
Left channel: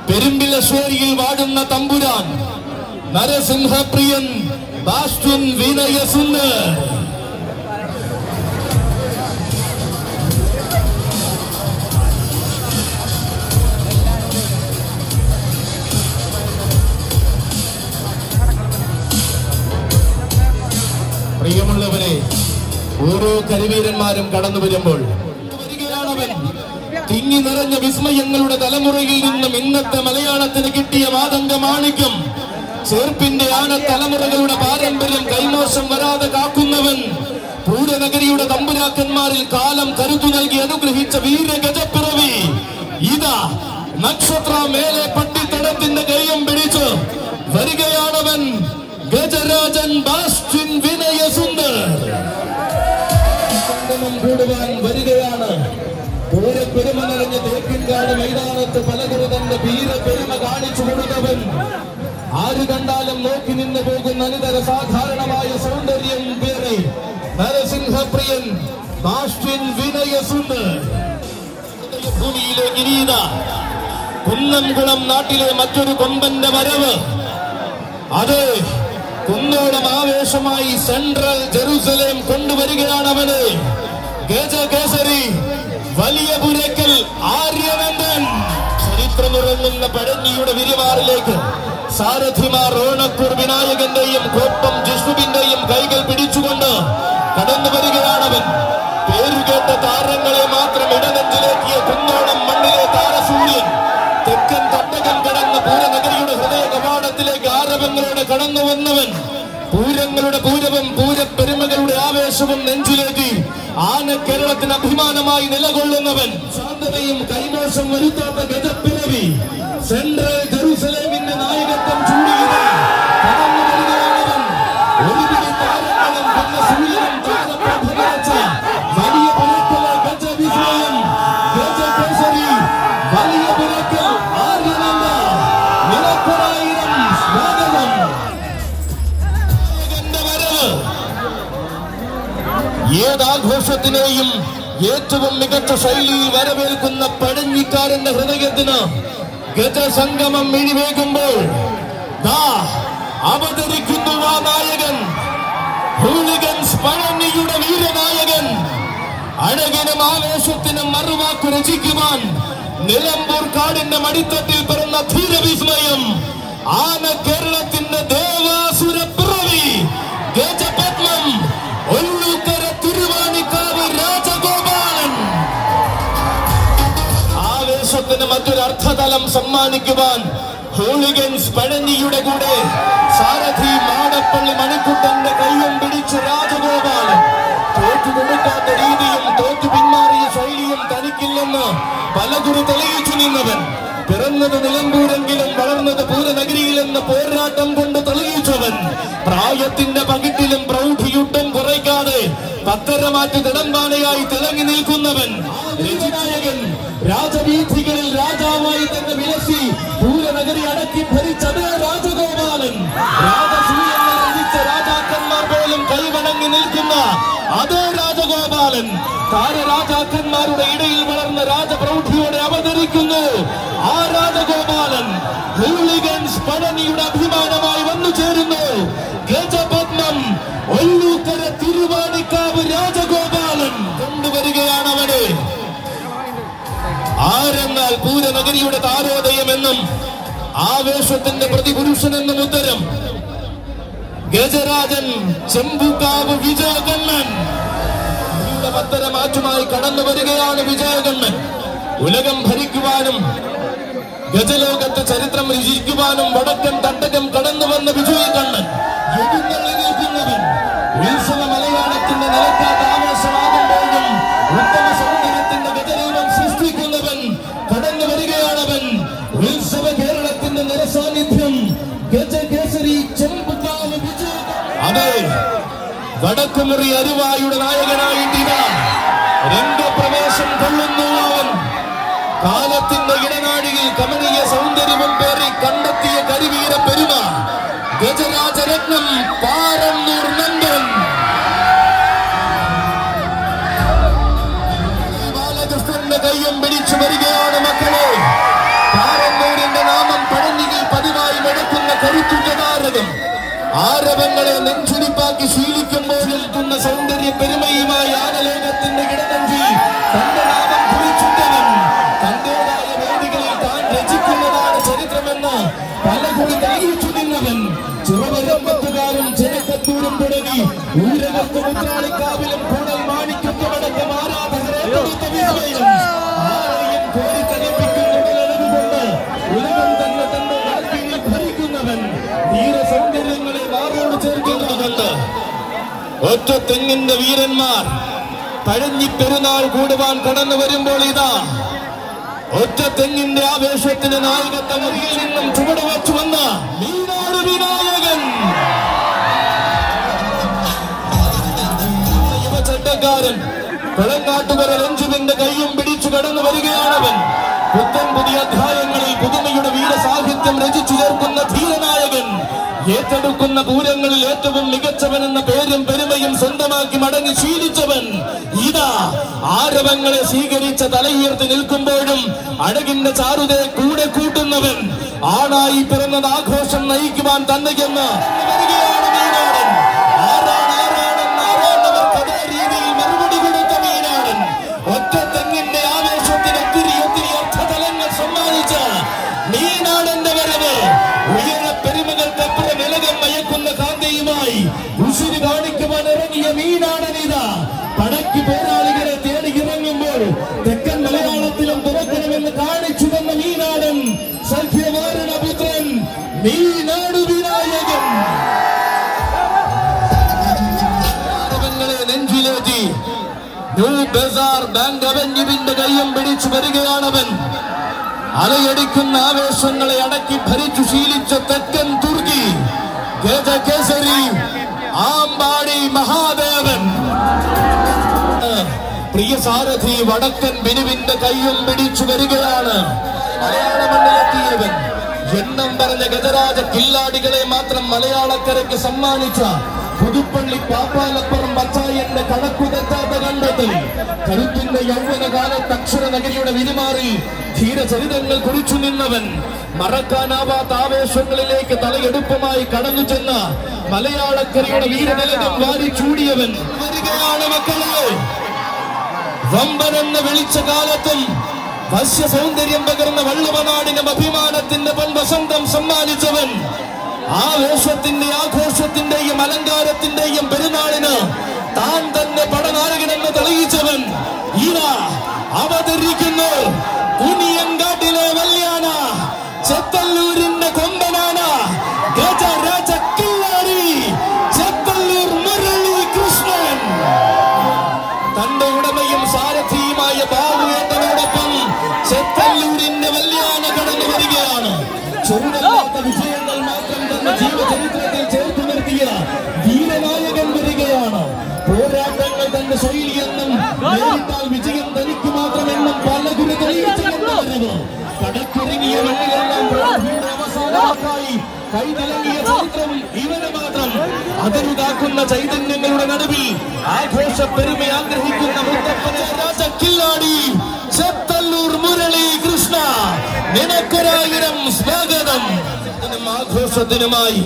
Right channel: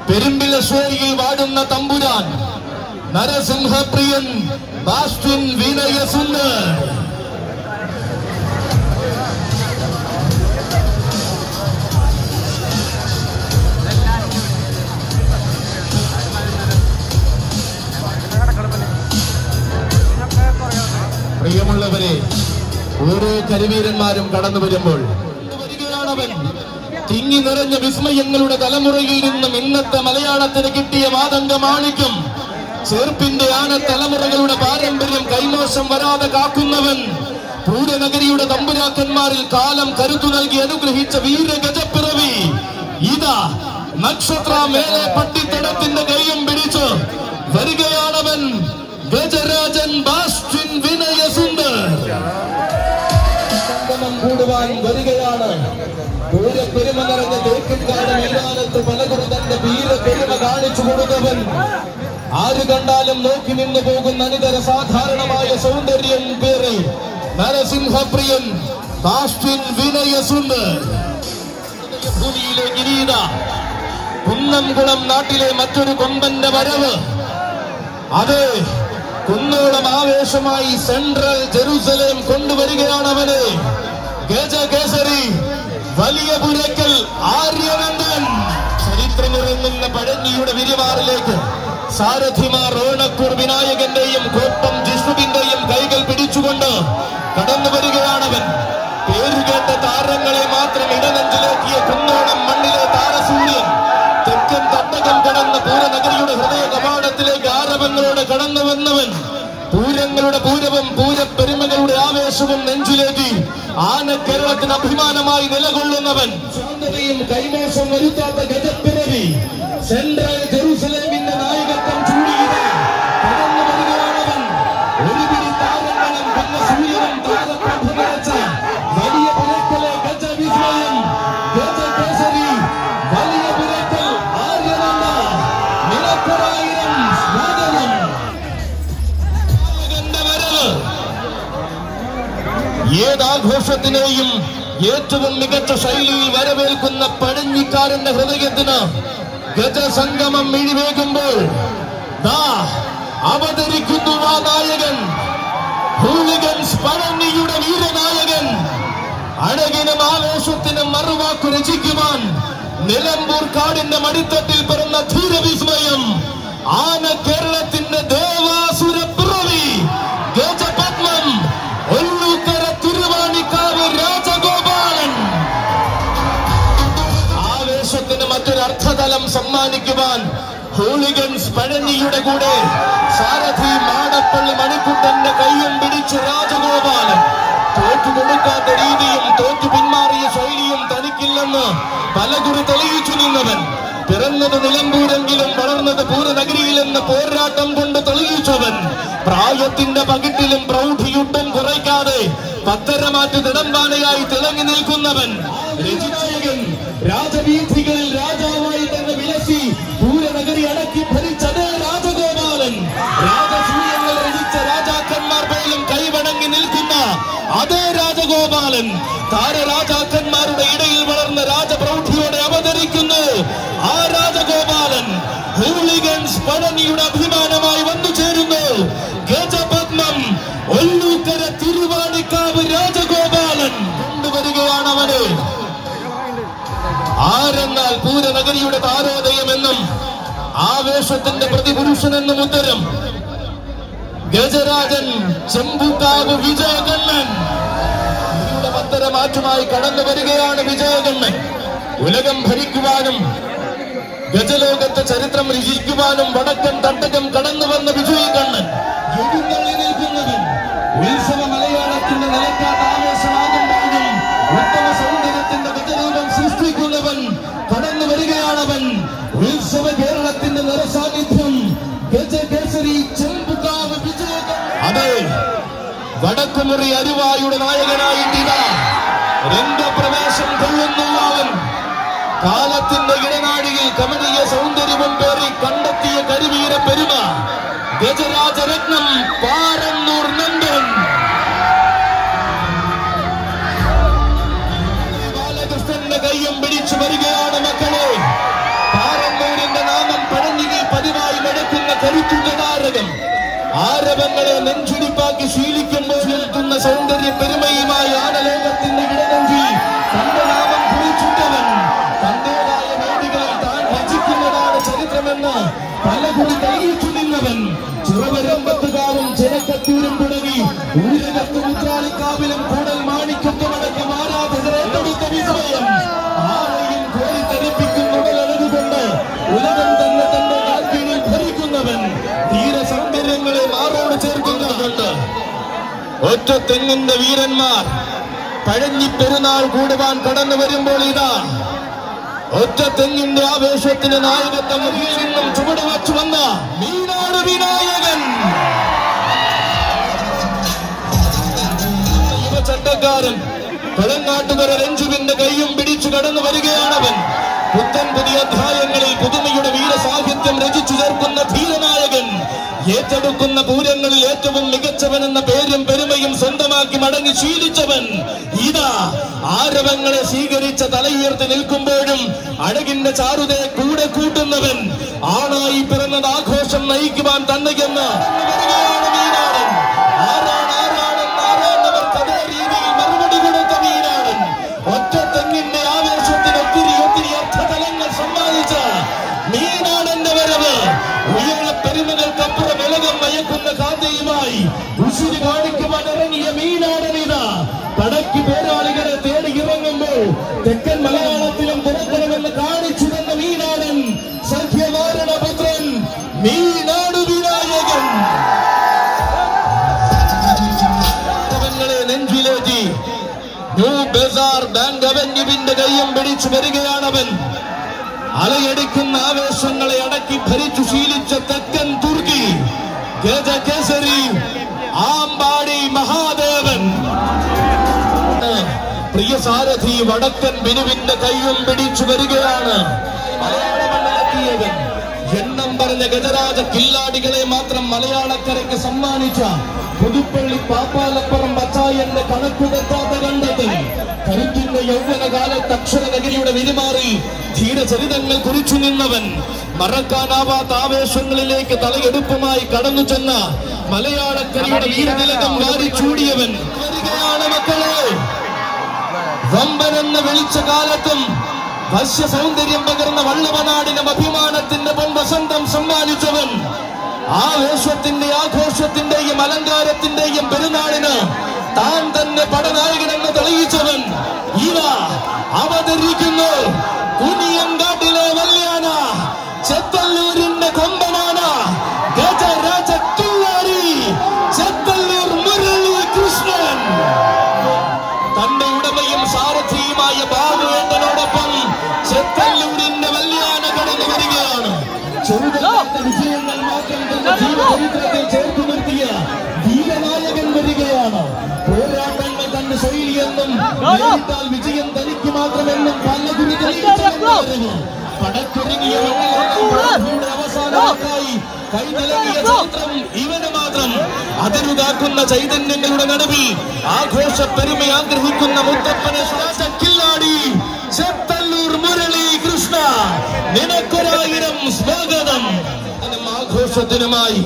പെരുമ്പിലശ്ശേരിയിൽ വാടുന്ന തമ്പുരാൻ നരസിംഹപ്രിയൻ ബാസ്റ്റിൻ വിനയസുന്ദർ. പ്രിയമുള്ളവരെ, ഓരോ കരിവീരന്മാരും കടന്നു വരുമ്പോൾ തിങ്ങി നിറഞ്ഞ വിസ്മയങ്ങളുടെ തലമുറയിൽ നിന്നും ഇന്നത്തെ മലയാളത്തിന് കിട്ടിയ മാതംഗ മാണിക്യം ചേർപ്പിന്റെ ആന തലമുറകളുടെ പാരമ്പര്യം കൈമോശം വരാതെ കാക്കുന്നവൻ പൂരനഗരിയുടെ തമ്പുരാക്കന്മാരിൽ കാലം കരുത്തു നൽകി അനുഗ്രഹിച്ച വീരഗജപ്പിറവി ഇതാ നക്ഷത്ര മേലെ പട്ടിത്തടത്തിന്റെ കൈയും പിടിച്ച് വരികയാണവൻ. ഗജരാജൻ ബാസ്റ്റിൻ വിനയസുന്ദർ സംഗമം കൂടുവാൻ വരികയാണ്. പൂരപ്പെരുമ നിറഞ്ഞ തേക്കിൻകാട് മൈതാനത്ത് പലകുറി തന്റെ വീരപ്പെരുമ കാണിച്ചു കൊടുത്തവൻ ആര് കണ്ടാലും നോക്കി നിന്നു പോകുന്ന അനിതര സാധാരണമായ സൗന്ദര്യം പേറി നരസിംഹപ്രിയൻ ബാസ്റ്റിൻ വിനയസുന്ദർ. ഭൂമിയിലെ ഗിരീത കുന്നംകുളം നാട്ടിലെ മറ്റൊരു കൊമ്പന്റെ വരവ് അത് കുന്നോളം ആവേശമായി സെൻട്രൽ ജെറുസലേം കൊണ്ടുവരികയാണവന്. ഗജകേസരി വലിയ പുരക്കൽ ആര്യനന്ദൻ. ചരിത്രമുറങ്ങുന്ന പഴഞ്ഞിയുടെ വിരിവാറിലേക്ക് സാരഥിമാർ ഓണക്കൂർ വിനായകന്റെയും കോപ്പം ജിഷ്ണുവിന്റെയും കൈകൾ പിടിച്ചുകൊണ്ട് കടന്നു വരികയാണവൻ. പേരുകേട്ട താരങ്ങളെ മാത്രം ഇടനെഞ്ചിലേക്കിയ കുന്നോളം മണ്ണിലെ താരസൂര്യൻ തെക്കൻ തട്ടകം കടന്ന് പൂരനഗരിയുടെ ഹൃദയ കവാടത്തിലേക്ക് ആരവങ്ങളോടെ കടന്നു വന്നവൻ. പൂരങ്ങളുടെ പൂരവും പൂരപ്പെരുമകളുടെ ആവേശവും നെഞ്ചിലേക്ക് ആന കേരളത്തിന് അഭിമാനമായി നിലകൊള്ളുന്നവൻ. ശാന്തതയും കൈമോശം വരുത്താത്ത ഗജപ്പിറവി സെൻട്രൽ ജെറുസലേമിന്റെ നായകത്വം ചൂടിയത് കടന്നു വരികയാണവൻ. ഒരു പിടി താരങ്ങളും പിന്നെ സൂര്യനും താരപ്രഭ നിറച്ച വലിയ പുരക്കലെ ഗജവിസ്മയം ഗജകേസരി വലിയ പുരക്കൽ ആര്യനന്ദ. നിനക്കൊരായിരം സ്വാഗതം. ഏതാഘോഷത്തിനെയും ഏറ്റവും മികച്ച ശൈലിയിൽ വരവേൽക്കുന്ന പഴഞ്ഞിക്കാരന്റെ ഹൃദയത്തിന് ഗജസംഗമം മിഴിവേകുമ്പോൾ അവതരിക്കുന്നു ആ നായകൻ, ഹൂളിഗൻസ് പഴനിയുടെ വീരനായകൻ. അഴകിനും ആവേശത്തിനും മറുവാക്കു രചിക്കുവാൻ നിലമ്പൂർ കാടിന്റെ മടിത്തട്ടിൽ പിറന്ന ധീരവിസ്മയം, ആന കേരളത്തിന്റെ ദേവാസുര പിറവി, ഗജപത്മം, ഒല്ലൂക്കര തിരുവാണിക്കാവ് രാജഗോപാലൻ. ആവേശത്തിന് മറ്റൊരു അർത്ഥതലം സമ്മാനിക്കുവാൻ ഹൂളിഗൻസ് പഴനിയുടെ കൂടെ സാരഥി മാടപ്പള്ളി മണിക്കുട്ടന്റെ കയ്യും പിടിച്ച് രാജഗോപാലൻ. തോറ്റുകൊടുക്കാത്ത രീതിയും തോറ്റു പിന്മാറിയ ശൈലിയും തനിക്കില്ലെന്ന് പലകുറി തെളിയിച്ചു നിന്നവൻ. പിറന്നത് നിലമ്പൂരെങ്കിലും വളർന്നത് പൂരനഗരിയിലെന്ന് പോരാട്ടം കൊണ്ട് തെളിയിച്ചവൻ. പ്രായത്തിന്റെ പകിട്ടിലും പ്രൗഢിയുട്ടും കുറയ്ക്കാതെ പത്തരമാറ്റ് തിടമ്പാനയായി തിളങ്ങി നിൽക്കുന്നവൻ. രചനായകൻ രാജവീഥികളിൽ രാജാവായി തന്നെ വിലസി പൂരനഗരി അടക്കി ഭരിച്ചതേ രാജഗോപാലൻ. രാജസൂയങ്ങൾ രചിച്ച രാജാക്കന്മാർ പോലും കൈവണങ്ങി നിൽക്കുന്ന അതേ രാജഗോപാലൻ. താരരാജാക്കന്മാരുടെ ഇടയിൽ വളർന്ന രാജപ്രൗഢിയോടെ അവതരിക്കുന്നു ആ രാജഗോപാലൻ. ഹൂളിഗൻസ് പഴനിയുടെ അഭിമാനമായി വന്നു ചേരുന്നു ഗജപത്മം, ഒല്ലൂക്കര തിരുവാണിക്കാവ് രാജഗോപാലൻ. കൊണ്ടുവരികയാണവന് ആരെന്നാൽ പൂരനഗരിയുടെ താരോദയമെന്നും ആവേശത്തിന്റെ പ്രതിപുരുഷനെന്നും ഉത്തരം ഗജരാജൻ ചെമ്പുകാവ് വിജയകണ്ണൻ. പത്തരമാറ്റുമായി കടന്നു വരികയാണ് വിജയകണ്ണൻ. ഉലകം ഭരിക്കുവാനും ഗജലോകത്തെ ചരിത്രം രചിക്കുവാനും വടക്കൻ തട്ടകം കടന്നു വന്ന വിജയകണ്ണൻ. എഴുന്നള്ളി നിൽക്കുന്നവൻ. ഉത്സവ മലയാളത്തിന്റെ നിലക്കാത്ത ആവേശമാകുമ്പോഴും ഉത്തമ സൗന്ദര്യത്തിന്റെ ഗജരൂപം സൃഷ്ടിക്കുന്നവൻ കടന്നു വരികയാണവൻ. ഉത്സവ കേരളത്തിന്റെ നിറസാന്നിധ്യം ഗജകേസരി ചെമ്പുകാവ് വിജയകണ്ണൻ. അതെ, വടക്കുമുറി അരുവായുടെ നായകനായിട്ടിതാ രംഗപ്രവേശം കൊള്ളുന്നു അവൻ. കാലത്തിന്റെ ഇടനാഴിയിൽ കമനീയ സൗന്ദര്യവും പേറി കണ്ടെത്തിയ കരിവീര പെരുമ ഗജരാജരത്നം പാറന്നൂർ നന്ദൻ. ബാലകൃഷ്ണന്റെ കയ്യും പിടിച്ചു വരികയാണ് മക്കളെ. പാറന്നൂരിന്റെ നാമം പഴനിയിൽ പതിവായി മുഴക്കുന്ന കരുത്തുറ്റ താരകം. ആരവങ്ങളെ നെഞ്ചുടിപ്പാക്കി ശീലിക്കുമ്പോഴും തുന്ന സൗന്ദര്യ പെരുമയുമായി ആനലോകത്തിന്റെ ഇടനെഞ്ചി തന്റെ നാമം കുറിച്ചിട്ടവൻ. തന്റേതായ വേദികളിൽ താൻ രചിക്കുന്നതാണ് ചരിത്രമെന്ന് പലകുറി തെളിയിച്ചു നിന്നവൻ. ചുറവരമ്പത്തുകാരും ജനക്കത്തൂരും തുടങ്ങി ഊരകത്ത് മുദ്രാളിക്കാവിലും കൂടൽ മാണിക്യത്തുമടക്കം ആരാധകരെ ഏറ്റെടുത്ത വിസ്മയം. ആരെയും കോരിത്തരിപ്പിക്കുന്നുടലതുകൊണ്ട് ഉലകം തന്നെ തന്റെ ആർക്കിയിൽ ഭരിക്കുന്നവൻ. ധീരസൗന്ദര്യങ്ങളെ മാറോട് ചേർക്കുന്നതുകൊണ്ട് ഒറ്റ തെങ്ങിന്റെ വീരന്മാർ പഴഞ്ഞി പെരുന്നാൾ കൂടുവാൻ കടന്നു വരുമ്പോൾ ഇതാ ഒറ്റ തെങ്ങിന്റെ ആവേശത്തിന് നായകത്വം നിന്നും ചുവട് വച്ചു വന്ന മീനാട് വിനായകൻ. യുവചട്ടക്കാരൻ പെളങ്ങാട്ടുകര രഞ്ജുവിന്റെ കയ്യും പിടിച്ചു കടന്നു വരികയാണവൻ. പുത്തൻ പുതിയ അധ്യായങ്ങളിൽ പുതുമയുടെ വീരസാഹിത്യം രചിച്ചു ചേർക്കുന്ന ധീരനായകൻ. ഏറ്റെടുക്കുന്ന പൂരങ്ങളിൽ ഏറ്റവും മികച്ചവനെന്ന പേരും പെരുമയും സ്വന്തമാക്കി മടങ്ങി ശീലിച്ചവൻ. ഇതാ ആരവങ്ങളെ സ്വീകരിച്ച തലയുയർത്തി നിൽക്കുമ്പോഴും അഴകിന്റെ ചാരുതയെ കൂടെ കൂട്ടുന്നവൻ. ആണായി പിറന്നത് ആഘോഷം നയിക്കുവാൻ തന്നെയെന്ന് വരികയാണ് മീനാടൻ. ആരാണെന്നവർക്ക് അതേ രീതിയിൽ മറുപടി കൊടുത്ത മീനാടൻ. ഒറ്റ തെങ്ങിന്റെ ആവേശത്തിന് ഒത്തിരി അർത്ഥതലങ്ങൾ സമ്മാനിച്ച മീനാടന്റെ വരവ് ഉയര പെരുമകൾക്കപ്പുറം വിലകം മയക്കുന്ന കാന്തയുമായി ഉശിരി കാണിക്കുവാൻ ഇറങ്ങിയ മീനാടനിതാ പടക്ക് പോരാളികളെ തേടി ഇറങ്ങുമ്പോൾ തെക്കൻ മലയാളത്തിലും തുറക്കണമെന്ന് കാണിച്ചു തന്ന മീനാടൻ. സഖ്യവാരണപുത്രൻ മീനാട് വിനായകൻ. നെഞ്ചിലേറ്റി ന്യൂ ബസാർ ബാങ്ക് അവന്യൂവിന്റെ കയ്യം പിടിച്ചു വരികയാണവൻ. അലയടിക്കുന്ന ആവേശങ്ങളെ അടക്കി ഭരിച്ചു ശീലിച്ച തെക്കൻ തുർക്കി ഗജകേസരി ആമ്പാടി മഹാദേവൻ. പ്രിയ സാരഥി വടക്കൻ ബിനുവിന്റെ കയ്യും പിടിച്ചു വരികയാണ്. മലയാള മണ്ണിലെത്തിയവൻ എണ്ണം പറഞ്ഞ ഗജരാജ കില്ലാടികളെ മാത്രം മലയാളക്കരയ്ക്ക് സമ്മാനിച്ച പുതുപ്പള്ളി പാപ്പാലപ്പുറം പച്ചായന്റെ കണക്കു തെറ്റാത്ത കണ്ടെത്തൽ കരുത്തിന്റെ യൗവനകാലത്ത് അക്ഷരനഗരിയുടെ വിരുമാറി ധീരചരിതങ്ങൾ കുറിച്ചു നിന്നവൻ, മറക്കാനാവാത്ത ആവേശങ്ങളിലേക്ക് തലയെടുപ്പുമായി കടന്നു ചെന്ന് മലയാളക്കരയുടെ വീരനിലകം വാരിച്ചൂടിയവൻ വരികയാണ് മക്കളെ. വമ്പനെന്ന് വിളിച്ച കാലത്തും വശ്യ സൗന്ദര്യം പകർന്ന വള്ളുവനാടിന് അഭിമാനത്തിന്റെ പൊൻവസന്തം സമ്മാനിച്ചവൻ, ആവേശത്തിന്റെ ആഘോഷത്തിന്റെയും അലങ്കാരത്തിന്റെയും പെരുന്നാളിന് താൻ തന്നെ പടനായകനെന്ന് തെളിയിച്ചവൻ ഇതാ അവതരിക്കുന്നു. കുനിയൻകാട്ടിലെ വല്യാന ചെത്തല്ലൂരിന്റെ കൊമ്പനാണ് ഗജരാജ കില്ലാടി ചെത്തല്ലൂർ മുരളി കൃഷ്ണൻ. തന്റെ ഉടമയും സാരഥിയുമായ ബാബുവേട്ടനോടൊപ്പം ചെത്തല്ലൂരിന്റെ വല്യാന കടന്നു വരികയാണ്. ചെറുതല്ലാത്ത വിജയങ്ങൾ മാത്രം തന്റെ ജീവചരിത്രത്തിൽ ചേർത്തു നിർത്തിയ വീരനായകൻ വരികയാണ്. പോരാട്ടങ്ങൾ തന്റെ ശൈലിയെന്നും നേരിട്ടാൽ വിജയം തനിക്ക് മാത്രമെന്നും പലതിന് തെളിയിച്ചു പടക്കുരുങ്ങിയ മണ്ണിലെല്ലാം അവസാനമായി കൈനലങ്ങിയ ചരിത്രം ഇവന് മാത്രം. അതിരുതാക്കുന്ന ചൈതന്യങ്ങളുടെ നടുവിൽ ആഘോഷ പെരുമ ആഗ്രഹിക്കുന്ന മുത്തപ്പനെ കില്ലാടി ചെത്തല്ലൂർ മുരളി കൃഷ്ണ, നിനക്കൊരായിരം സ്വാഗതം. ആഘോഷത്തിനുമായി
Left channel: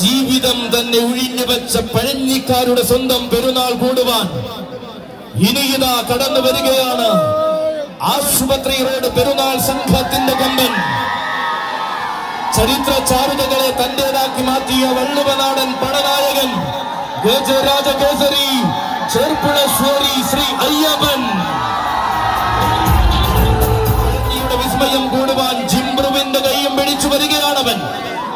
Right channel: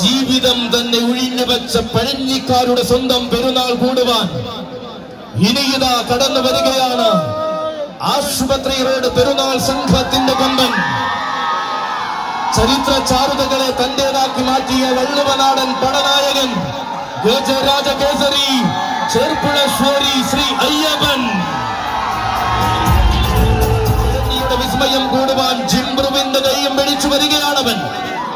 ജീവിതം തന്നെ ഒഴിഞ്ഞു വച്ച പഴഞ്ഞിക്കാരുടെ സ്വന്തം പെരുന്നാൾ കൂടുവാൻ ഇനിയിതാ കടന്നു വരികയാണ് ആശുപത്രി റോഡ് പെരുന്നാൾ സംഘത്തിന്റെ കൊമ്പൻ. ചരിത്ര ചാരുതകളെ തന്റേതാക്കി മാറ്റിയ വള്ളുവനാടൻ പടനായകൻ ഗജരാജ കേസരി ചെർപ്പുളശ്ശേരി ശ്രീ അയ്യപ്പൻ. വിസ്മയം കൂടുവാൻ ജിംബ്രുവിന്റെ കൈയും പിടിച്ചു വരികയാണവൻ.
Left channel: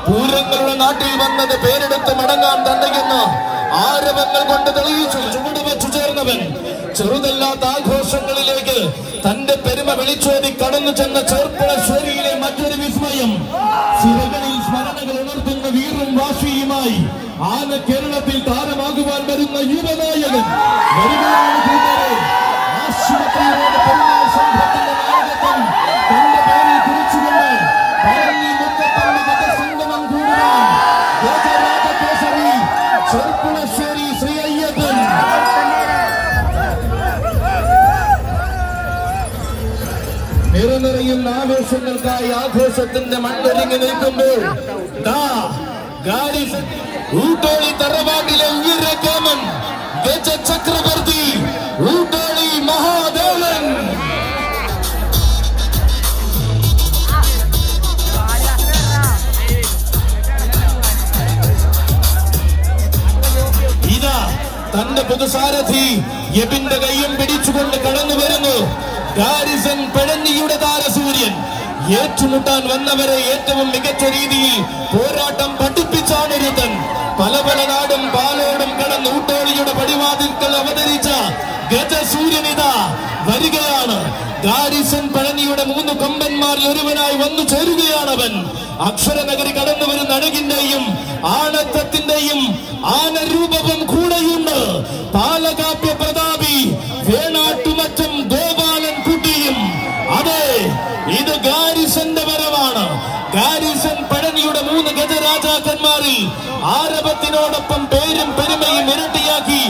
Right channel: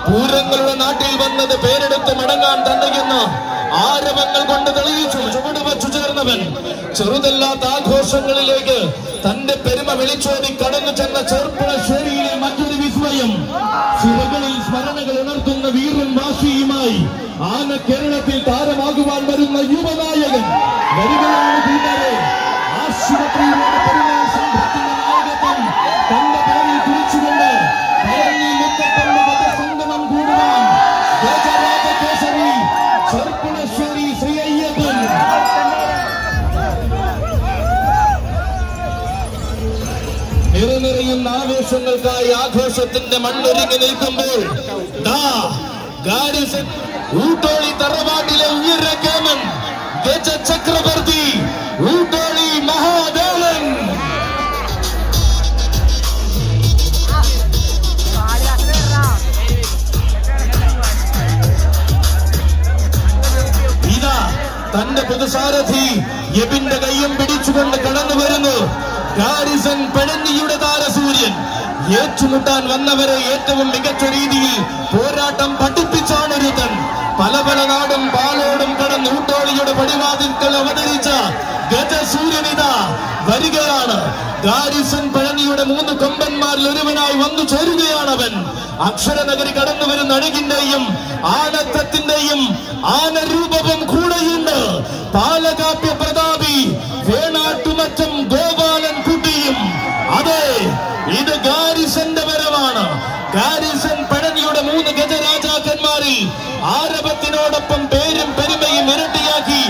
പൂരങ്ങളുടെ നാട്ടിൽ വന്നത് പേരെടുത്ത് മടങ്ങാൻ തന്നെയെന്ന് ആരവങ്ങൾ കൊണ്ട് തെളിയിച്ചു ചുവട് വച്ചു ചേർന്നവൻ. ചെറുതല്ലാത്ത ആഘോഷങ്ങളിലേക്ക് തന്റെ പെരുമ വിളിച്ചോടി കടന്നു ചെന്ന ചെർപ്പുളശ്ശേരിയിലെ മറ്റൊരു വിസ്മയം. സിരകളിൽ സ്മരണകൾ ഉണർത്തുന്ന വീറും വാശിയുമായി ആന കേരളത്തിൽ താരമാകുവാൻ വരുന്ന യുവനായകൻ വരികയാണ് കൂട്ടരെ. ആശുപത്രിയുടെ പെരുന്നാൾ സംഘത്തിന്റെ നായകത്വം തന്റെ പേരിൽ കുറിച്ചുകൊണ്ട് സംഗമം കൂടുവാൻ ഗജരാജ കേസരി ചെർപ്പുളശ്ശേരി ശ്രീ അയ്യപ്പൻ. നിറനിറയുന്ന ആവേശങ്ങൾക്കായി ആഘോഷത്തിന്റെ മണ്ണൊരുങ്ങി നിൽക്കുമ്പോൾ ഊട്ടോളി തറവാട്ടിലെ ഉയരക്കേമൻ ഗജ ചക്രവർത്തി ഊട്ടോളി മഹാദേവൻ. ഇതാ തന്റെ പുതുസാരഥി യബിന്റെ കയ്യും പിടിച്ചുകൊണ്ട് കടന്നു വരുന്നു ഗാരിസൺ പെടന്നിയുടെ താരസൂര്യൻ. ഏറ്റുമുട്ടാൻ വന്നവരെ ഏറ്റവും മികച്ച രീതിയിൽ പോരാട്ടം പഠിപ്പിച്ചാണൊരുത്തൻ. പല പല നാടും പാലോടും കടന്ന് ഊട്ടോളിയുടെ പടിവാതിൽക്കൽ അവതരിച്ച ഗജസൂര്യനിത വരികയാണ്. ഗാരിസൺ പഴനിയുടെ 3 കൊമ്പന്മാരിൽ ഒരുവനായി വന്നു ചേരുകയാണവൻ. അക്ഷരനഗരി കടന്നു വരുന്ന അഴകിന്റെയും ആണത്തത്തിന്റെയും ആനരൂപവും കൂടെയുണ്ട്. പാലകാപ്യ പ്രതാപി വേണാട്ടുമറ്റം ഗോപാലൻ കുട്ടിയും. അതെ, ഇത് ഗാരിസന്റെ വരവാണ്. ഗാരിസൺ പഴനിയുടെ 3 ഗജരാജാക്കന്മാരിൽ ആരവത്തിനോടൊപ്പം പേരും പെരുമയും ഇരട്ടിയാക്കി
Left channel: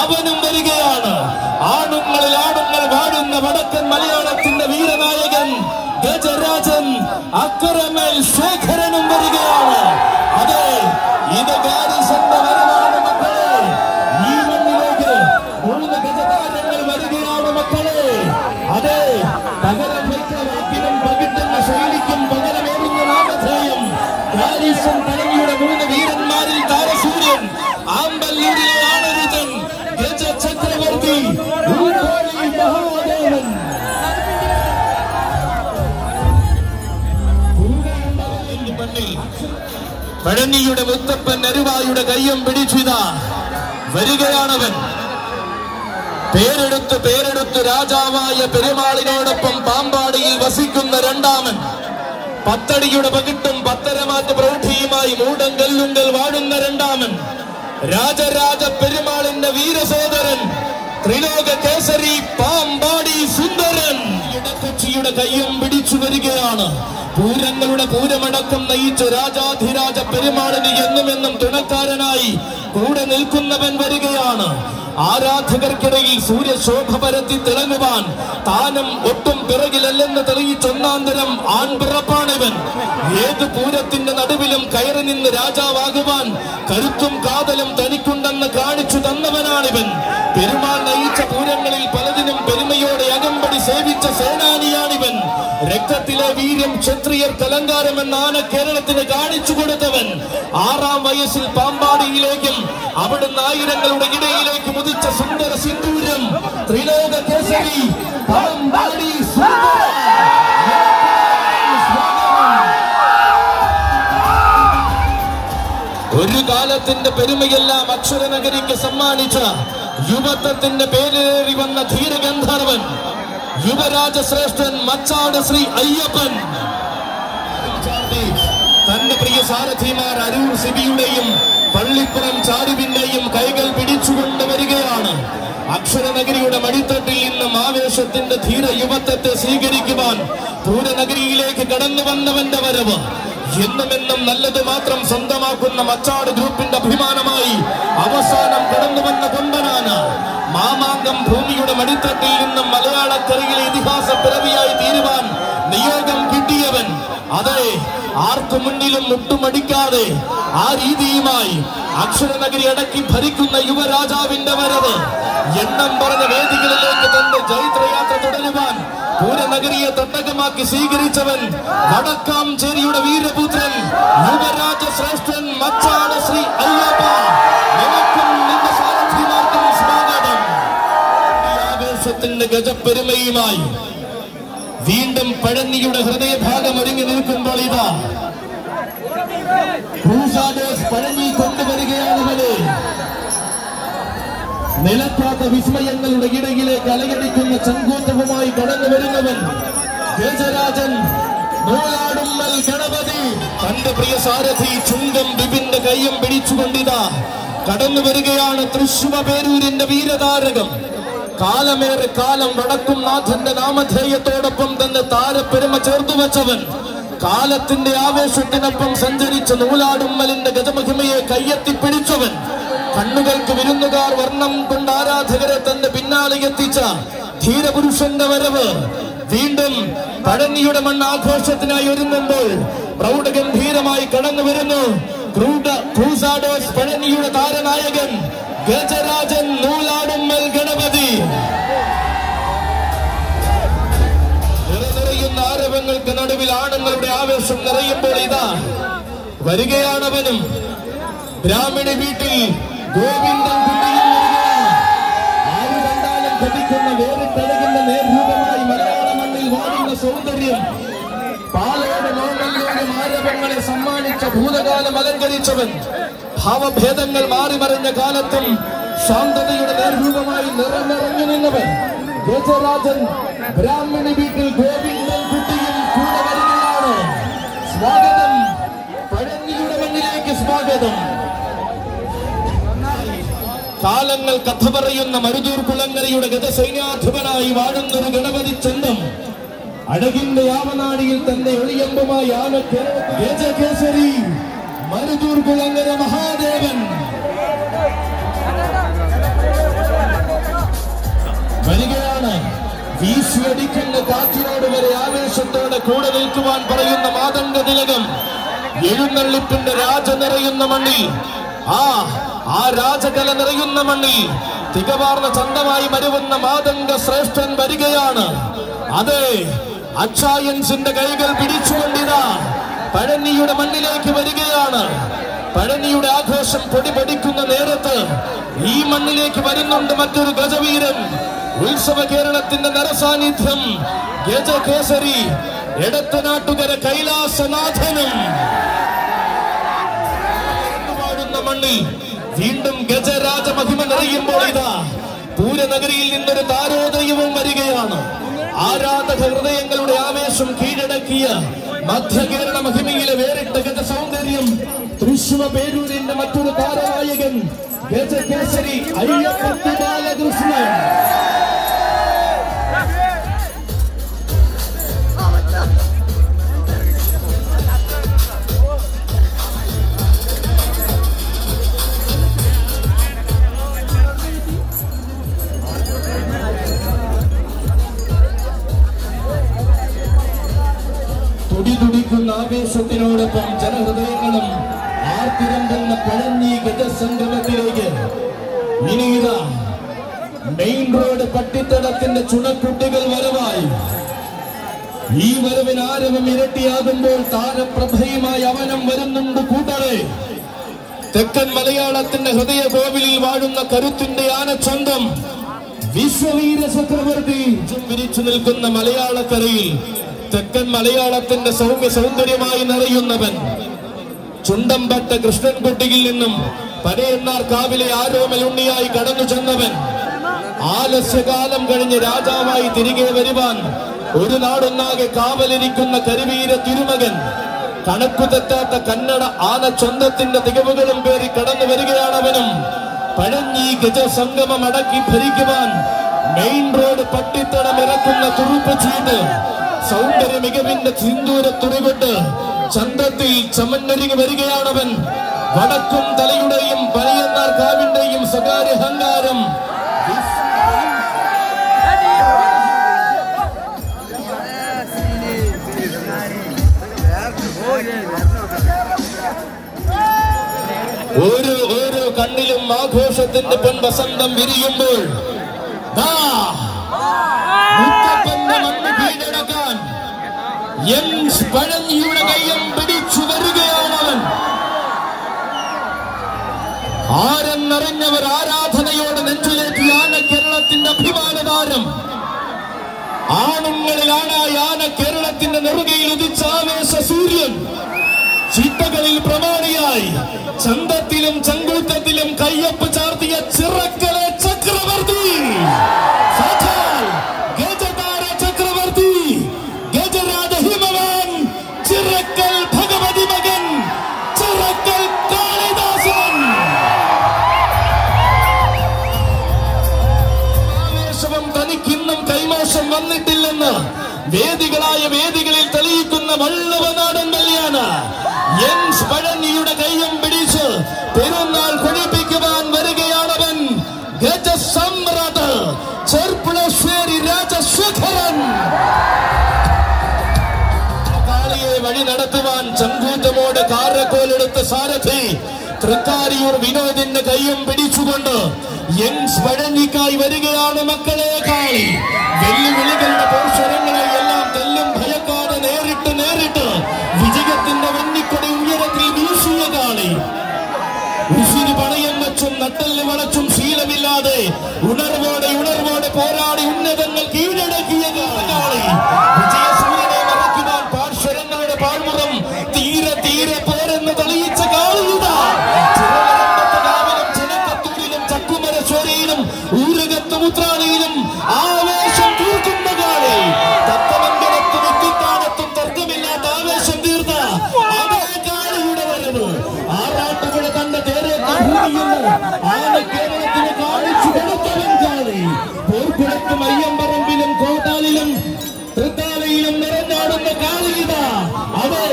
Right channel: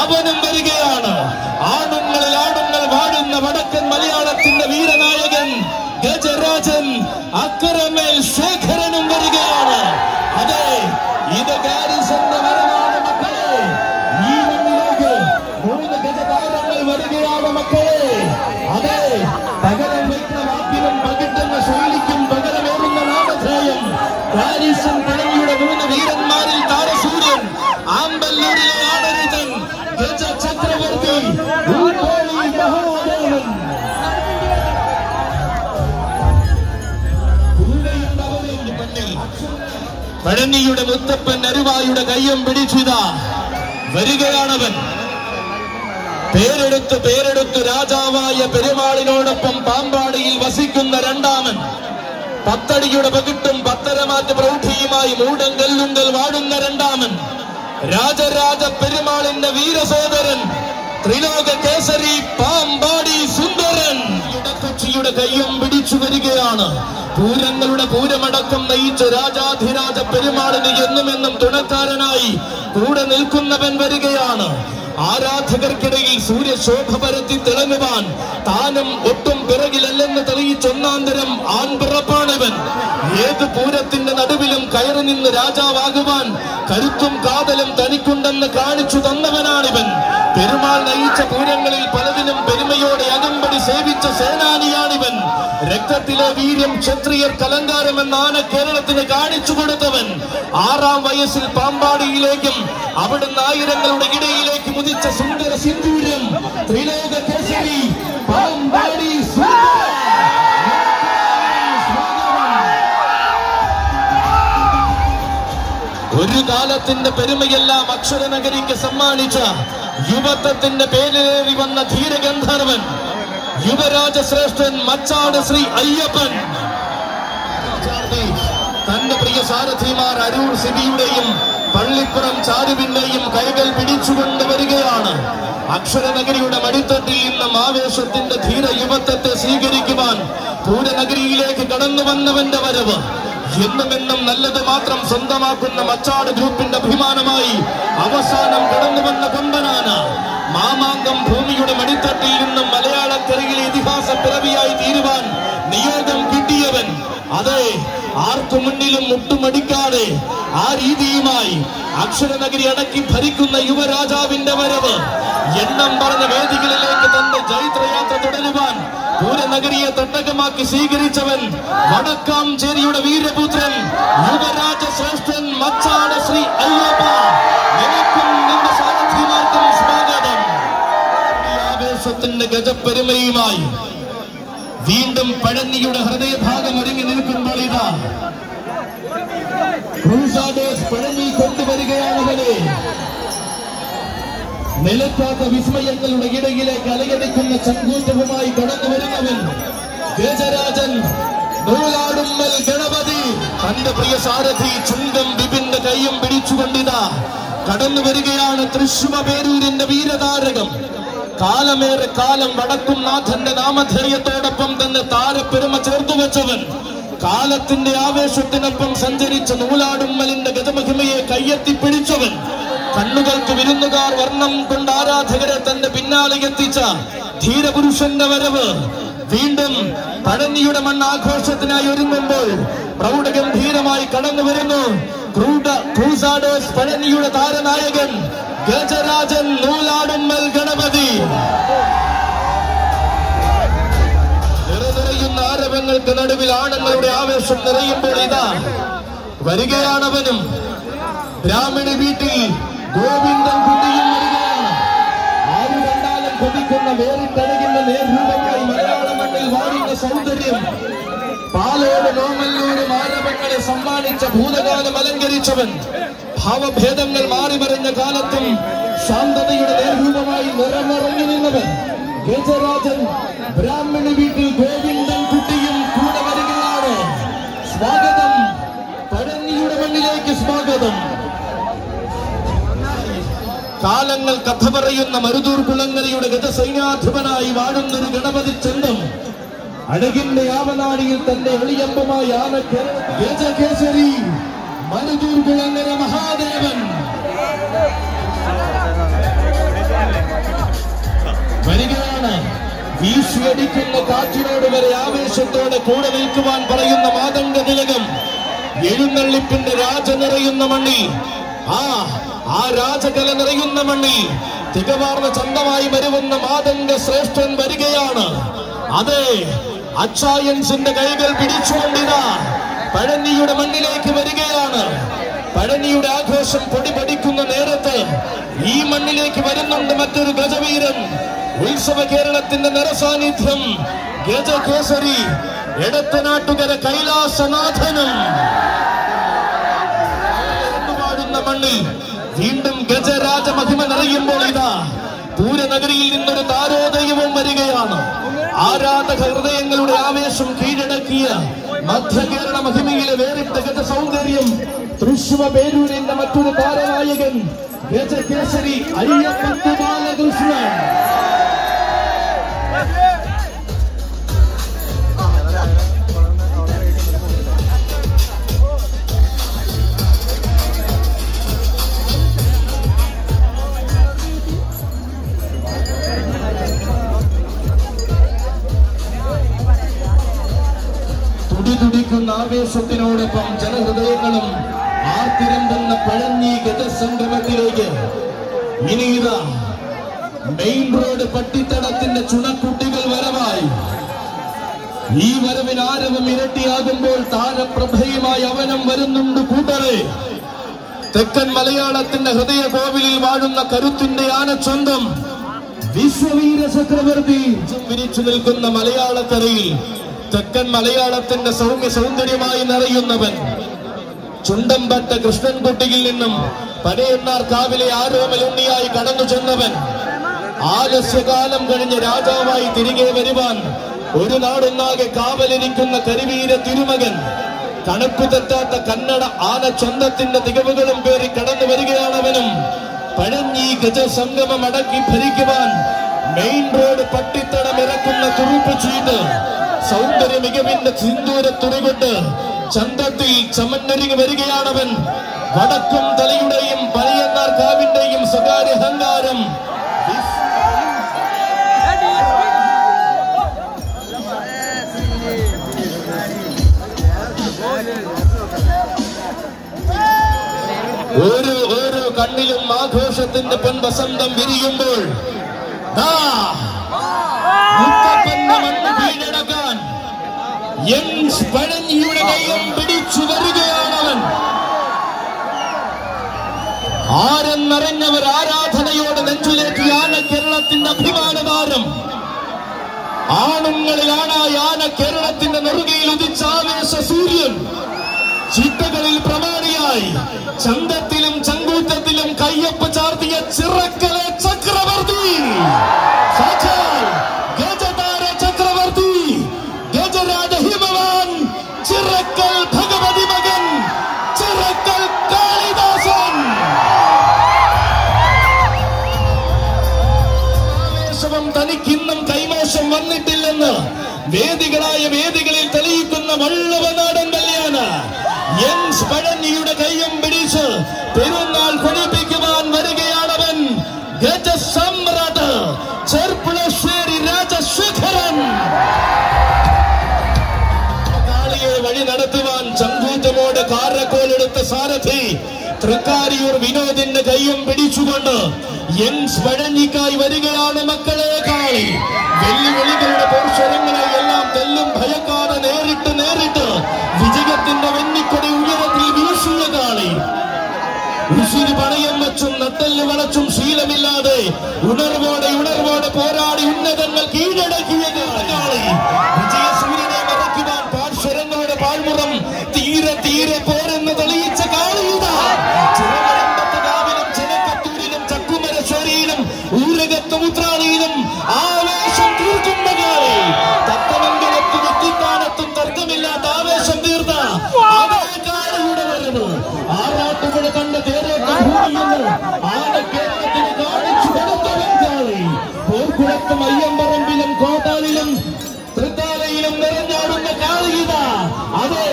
അവനും വരികയാണ്. ആണുങ്ങളിൽ ആണുങ്ങൾ വാടുന്ന വടക്കൻ മലയാളത്തിന്റെ വീരനായകൻ ഗജരാജൻ അക്കരമേൽ ശേഖരനും വരികയാണ്. അതെ, ഇത് ഗാരിസന്റെ വരവാണ് മക്കളെ. ഈ മണ്ണിലേക്ക് 3 ഗജതാരങ്ങൾ വരികയാണ് മക്കളെ. അതെ, പകരം വയ്ക്കുന്ന വാക്കിനും പകിട്ടുന്ന ശൈലിക്കും പകരമേറുന്ന നാമധേയം ഗാരിസൺ പഴനിയുടെ 3 വീരന്മാരിൽ താരസൂര്യൻ ആമ്പല്ലൂരിലെ ആണരുതൻ ഗജ ചക്രവർത്തി ഊട്ടോളി മഹാദേവൻ. പഴനിയുടെ മുത്തപ്പൻ അരുവായുടെ കയ്യം പിടിച്ചിതാ വരികയാണവൻ. പേരെടുത്ത് രാജാവായ പെരുമാളിനോടൊപ്പം പാമ്പാടിയിൽ വസിക്കുന്ന രണ്ടാമൻ. 10 അടിയുടെ പകിട്ടും 10 മാറ്റ് പ്രൗഢിയുമായി മൂടങ്കല്ലുങ്കൽ വാടുന്ന രണ്ടാമൻ. രാജരാജ പെരുമാളിന്റെ വീരസോദരൻ ത്രിലോക കേസരി പാമ്പാടി സുന്ദരൻ കൊച്ചിയുടെ കയ്യം പിടിച്ചു വരികയാണ്. പൂരങ്ങളുടെ പൂരമടക്കം നയിച്ച രാജാധിരാജ പെരുമാളിന് എന്നുമെന്നും തുണക്കാരനായി കൂടെ നിൽക്കുന്നവൻ വരികയാണ്. ആരാധകർക്കിടയിൽ സൂര്യശോഭ പരത്തി തിളങ്ങുവാൻ താനും ഒട്ടും പിറകിലല്ലെന്ന് തെളിയിച്ചൊന്നാന്തരം ആൺപിറപ്പാണിവൻ. ഏത് പൂരത്തിന്റെ നടുവിലും കയറി നിന്ന് രാജാവാകുവാൻ കരുത്തും കാതലും തനിക്കുണ്ടെന്ന് കാണിച്ചു തന്നവനാണിവൻ. പെരുമാൾ നയിച്ച പൂരങ്ങളിൽ പലതിനും പെരുമയോടെ അകമ്പടി സേവിച്ച സേനാനിയാണിവൻ. രക്തത്തിലെ വീര്യം ക്ഷത്രിയർക്ക് അലങ്കാരമെന്നാണ് കേരളത്തിന് കാണിച്ചു കൊടുത്തവൻ. 6-ാം വയസ്സിൽ പാമ്പാടിയിലേക്കും അവിടുന്ന് ആയിരങ്ങളുടെ ഇടയിലേക്ക് മുതിച്ച സുന്ദര സിന്ദൂരം ത്രിലോക കേസരി പാമ്പാടി ഒരു കാലത്തിന്റെ പെരുമയെല്ലാം അക്ഷരനഗരിക്ക് സമ്മാനിച്ച യുവത്വത്തിന്റെ പേരിലേറി വന്ന ധീരഗന്ധർവൻ യുവരാജശ്രേഷ്ഠൻ മച്ചാട് ശ്രീ അയ്യപ്പൻ തന്റെ പ്രിയ സാരഥിമാർ അരൂർ സിബിയുടെയും പള്ളിപ്പുറം ചാരുവിന്റെയും കൈകൾ പിടിച്ചുകൊണ്ട് വരികയാണ്. അക്ഷരനഗരിയുടെ മടിത്തട്ടിൽ നിന്നും ആവേശത്തിന്റെ ധീര യുവത്വത്തെ സ്വീകരിക്കുവാൻ പൂരനഗരിയിലേക്ക് കടന്നു വന്നവന്റെ വരവ് എന്നുമെന്നും നല്ലത് മാത്രം സ്വന്തമാക്കുന്ന മച്ചാട് ഗ്രൂപ്പിന്റെ അഭിമാനമായി അവസാനം കടന്നു വന്ന കൊമ്പനാണ്. മാമാങ്കം ഭൂമിയുടെ മടിത്തട്ടിൽ നിന്നും മലയാളക്കരയിലെ ഇതിഹാസ പിറവിയായി തീരുവാൻ നിയോഗം കിട്ടിയവൻ. അതെ, ആർക്കു മുന്നിലും മുട്ടുമടിക്കാതെ ആ രീതിയുമായി അക്ഷരനഗരി അടക്കി ഭരിക്കുന്ന യുവരാജാവിന്റെ വരവ് എണ്ണം പറഞ്ഞ വേദികളിലേക്ക് തന്റെ ജൈത്രയാത്ര തുടരുവാൻ പൂരനഗരിയെ തട്ടകമാക്കി സ്വീകരിച്ചവൻ വടക്കാംചേരിയുടെ വീരപുത്രൻ യുവരാജശ്രേഷ്ഠൻ മച്ചാട് ശ്രീ അയ്യപ്പ. നിനക്കും നിന്റെ സാരഥിമാർക്കും സ്വാഗതം. ആവേശത്തിന്റെ ഗജപ്പെരുമയുമായി വീണ്ടും പഴനിയുടെ ഹൃദയഭാഗം ഒരുങ്ങി നിൽക്കുമ്പോൾ ഇതാ ക്രൂസാഡേഴ്സ് പഴനി കൊണ്ടുവരികയാണവരെ. നിലയ്ക്കാത്ത വിസ്മയങ്ങളുടെ ഇടയിലേക്ക് അലയടിക്കുന്ന ചങ്കൂറ്റവുമായി കടന്നു വരുന്നവൻ ഗജരാജൻ നൂലാടുമ്മൽ ഗണപതി. തന്റെ പ്രിയ സാരഥി ചുങ്കം ബിപിന്റെ കൈയും പിടിച്ചുകൊണ്ടിതാ കടന്നു വരികയാണ് തൃശ്ശൂർ പേരൂരിന്റെ വീരതാരകം. കാലമേറെ കാലം വടക്കും നാഥന്റെ നാമധേയത്തോടൊപ്പം തന്നെ താരപ്പെരുമ ചേർത്തു വച്ചവൻ. കാലത്തിന്റെ ആവേശത്തിനൊപ്പം സഞ്ചരിച്ച നൂലാടുമ്മലിന്റെ ഗജമഹിമയെ കയ്യെത്തിപ്പിടിച്ചവൻ. കണ്ണുകൾക്ക് വിരുന്നുകാർ വർണ്ണം കൊണ്ട് ആരാധകരെ തന്റെ പിന്നാലെ എത്തിച്ച ധീരപുരുഷന്റെ വരവ് വീണ്ടും പഴനിയുടെ മണ്ണാഘോഷത്തിനായി ഒരുങ്ങുമ്പോൾ പ്രൗഢഗംഭീരമായി കടന്നു വരുന്നു ക്രൂസാഡേഴ്സ് പഴനിയുടെ താരനായകൻ ഗജരാജൻ നൂലാടുമ്മൽ ഗണപതി. നിറയുന്ന ആരവങ്ങൾക്ക് നടുവിൽ ആണുങ്ങളുടെ ആവേശം നിറയുമ്പോൾ ഇതാ വരികയാണവനും. ബ്രാഹ്മണി വീട്ടിൽ ഗോവിന്ദൻ കുട്ടിയും വരികയാണ്. ആര് കണ്ടാലും കൊതിക്കുന്ന വേറിട്ടഴകിന്റെ നേർരൂപമായി മലയാള മണ്ണിൽ വാഴുന്ന സൗന്ദര്യം പാലയോട് ലോകങ്ങളിലൂടെ ആരവങ്ങളെ സമ്മാനിച്ച ഭൂതകാലം അലങ്കരിച്ചവൻ. ഭാവഭേദങ്ങൾ മാറിമറിഞ്ഞ കാലത്തും ശാന്തതയുടെ നേർരൂപമായി നിറഞ്ഞിറങ്ങി നിന്നവൻ ഗജരാജൻ. ബ്രാഹ്മണി വീട്ടിൽ ഗോവിന്ദൻ കുട്ടിയും കൂടെ വരികയാണ്. സ്വാഗതം, പഴനിയുടെ മണ്ണിലേക്ക് സ്വാഗതം. കാലങ്ങൾ കഥ പറയുന്ന മരുതൂർ കുളങ്ങരയുടെ ഗജസൈന്യാധിപനായി വാഴുന്നൊരു ഗണപതി ചന്തം അഴകിന്റെ ആവനാടിയിൽ തന്റെ ഒളിയമ്പുമായി ഗജകേസരി മരുതൂർ കുളങ്ങര മഹാദേവൻ വരികയാണ്. വീശിയടിക്കുന്ന കാറ്റിനോട് വരെ ആവേശത്തോടെ കൂടെ നിൽക്കുവാൻ പറയുന്ന മാതംഗ തിലകം എഴുന്നള്ളിപ്പിന്റെ രാജ നിറയുന്ന മണ്ണിൽ ആ രാജകല നിറയുന്ന മണ്ണിൽ തികവാർന്ന ചന്തമായി വരുന്ന മാതംഗ ശ്രേഷ്ഠൻ വരികയാണ്. അതെ, അച്ചായൻസിന്റെ കൈകൾ പിടിച്ചുകൊണ്ടിതാ പഴനിയുടെ മണ്ണിലേക്ക് വരികയാണ്. പഴനിയുടെ ആഘോഷം പൊടിപടിക്കുന്ന നേരത്ത് ഈ മണ്ണിലേക്ക് വരുന്നുണ്ട് മറ്റൊരു ഗജവീരൻ. ഉത്സവ കേരളത്തിന്റെ നിറസാന്നിധ്യം ഗജകേസരി എടത്തനാട്ടുകര കൈലാസനാഥനും. മണ്ണിൽ വീണ്ടും ഗജരാജ മഹിമ നിറയുമ്പോൾ ഇതാ പൂരനഗരിയിൽ നിന്നൊരു താരോദയവും വരികയാണ്. ആരാധക ഹൃദയങ്ങളുടെ ആവേശം കീഴടക്കിയ മധ്യ കേരള മഹിമയിലെ വേറിട്ട ഗജ സൗന്ദര്യം തൃശ്ശൂർ പേരൂരിന്റെ മറ്റൊരു താരനായകൻ ഗജകേസരി അയ്യപ്പൻ ബാലകൃഷ്ണൻ. ആവേശത്തിനോടൊപ്പം ജനഹൃദയങ്ങളും ആർത്തിരമ്പുന്ന പഴഞ്ഞി ഗജസംഗമത്തിലേക്ക് ഇനിതാ മെയിൻ റോഡ് പട്ടിത്തടത്തിന്റെ ചുണക്കുട്ടികൾ വരവായി. ഈ വരവിന് ആരവം ഇരട്ടിയാകുമ്പോൾ താരപ്രഭയുമായി അവനം വരുന്നുണ്ട് കൂട്ടരെ. തെക്കൻ മലയാളത്തിന്റെ ഹൃദയ കോവിലിൽ വാഴുന്ന കരുത്തിന്റെ ആനച്ചന്തം വിശ്വവീര ചക്രവർത്തി വിരിച്ചു നിൽക്കുന്ന മലയാളക്കരയിൽ തെക്കൻ മലയാളത്തിന്റെ സൗമ്യ സൗന്ദര്യമായി നിറയുന്നവൻ ചുണ്ടമ്പട്ട കൃഷ്ണൻകുട്ടിയിൽ നിന്നും പനയന്മാർ കാവിലെ ആരോമലുണ്ണിയായി കടന്നു ചെന്നവൻ ആലസ്യകാലം കഴിഞ്ഞ് രാജാവായി തിരികെ വരുവാൻ ഒരു നാടൊന്നാകെ കാവലിരിക്കുന്ന കരിവീര തിരുമകൻ കണക്കു തെറ്റാത്ത കന്നഡ ആനച്ചന്തത്തിന്റെ തികവുകളും പേറി കടന്നു വരികയാണവനും. പഴഞ്ഞി ഗജസംഗമം അടക്കി ഭരിക്കുവാൻ മെയിൻ റോഡ് പട്ടിത്തടം ഇറക്കുന്ന തുറുപ്പ് ചീട്ട് സൗന്ദര്യ മികവിന്റെ സിന്ദൂര തുണികൊണ്ട് ചന്തത്തിൽ ചമന്നരികി വരികയാണവൻ. വടക്കും തലയുടെയും പനയന്നാർ കാവിന്റെയും സ്വകാര്യ അഹങ്കാരം ഓരോ കണ്ണിലും ആഘോഷത്തിന്റെ പെൺവസന്തം വിരിയുമ്പോൾ കീഴടക്കാൻ പഴഞ്ഞിയുടെ കൈയും പിടിച്ചു വരികയാണവൻ. ആരെന്നറിഞ്ഞവർ ആരാധനയോടെ നെഞ്ചിലേറ്റിയാണ് കേരളത്തിന്റെ അഭിമാനതാരം. ആണുങ്ങളിലാണായ ആന കേരളത്തിന്റെ നെറുകയിൽ ഉദിച്ച ആവേശ സൂര്യൻ ചിട്ടകളിൽ പ്രമാണിയായി ചന്തത്തിലും ചങ്കുറ്റത്തിലും കയ്യൊപ്പ് ചാർത്തിയ ചിറക്കലെ ചക്രവർത്തി ഗജതാര ചക്രവർത്തി ഗജരാജ ഹിമവാൻ ചിറക്കൽ ഭഗവതി മകൻ ചിറക്കൽ കാളിദാസൻ. ആവേശവും തനിക്കിന്നും കൈമോശം വന്നിട്ടില്ലെന്ന് വേദികളിൽ തെളിയിക്കുന്ന വള്ളവനാടൻ കല്യാണ പഴഞ്ഞിയുടെ കയ്യം പിടിച്ച് പെരുന്നാൾ കൊടിപ്പിക്കുവാൻ വരികയാണവൻ. ഗജസമ്രാട്ട് ചെർപ്പുളശ്ശേരി രാജശേഖരൻ. കാളിയെ വഴി നടത്തുവാൻ ചങ്കൂറ്റമോടെ കാരക്കോലെടുത്ത സാരഥി തൃക്കാരിയൂർ വിനോദിന്റെ കയ്യും പിടിച്ചുകൊണ്ട് പഴഞ്ഞിക്കായി വരികയാണ് മക്കളെ കാളി. വെല്ലുവിളികളുടെ പോർശ്വരങ്ങളെ എല്ലാം തെല്ലും ഭയക്കാതെ നേരിട്ട് വിജയത്തിന്റെ വെന്നിക്കൊടി ഉയരത്തിൽ വീശിയ കാളി. ഉശിരി പണയം വെച്ചും നട്ടല് വളച്ചും ശീലമില്ലാതെ ഉണർവോടെ പോരാടി ഉന്നതങ്ങൾ കീഴടക്കിയ കാളി. വിജയസൂര്യനെ മറക്കുവാൻ പാർശ്വരങ്ങളുടെ പാഴ്മുറം തീരെ പോരെന്ന് തെളിയിച്ച കാളിയുടെ കാവിലും ചെനക്കത്തൂരിലും ചക്കുമരശ്ശേരിയിലും ഊരകത്ത് ഉത്രാളിയിലും ആവേശം തീർക്കുന്ന കാളി. തത്തമംഗലത്തും എത്തിത്താനത്തും തർക്കമില്ലാത്ത ആവേശം തീർത്ത കാളിയുടെ വരവ് ആറാട്ടുപുഴ കണ്ട തേരേന്ന് ആന കേരളത്തിന് കാണിച്ചു കൊടുത്തവൻ കാളി. പോർക്കുളത്തും അയ്യമ്പറമ്പിലും കോട്ടാലിലും തൃത്താലയിലും നിറഞ്ഞാടുന്ന കാളിയിത. അതെ,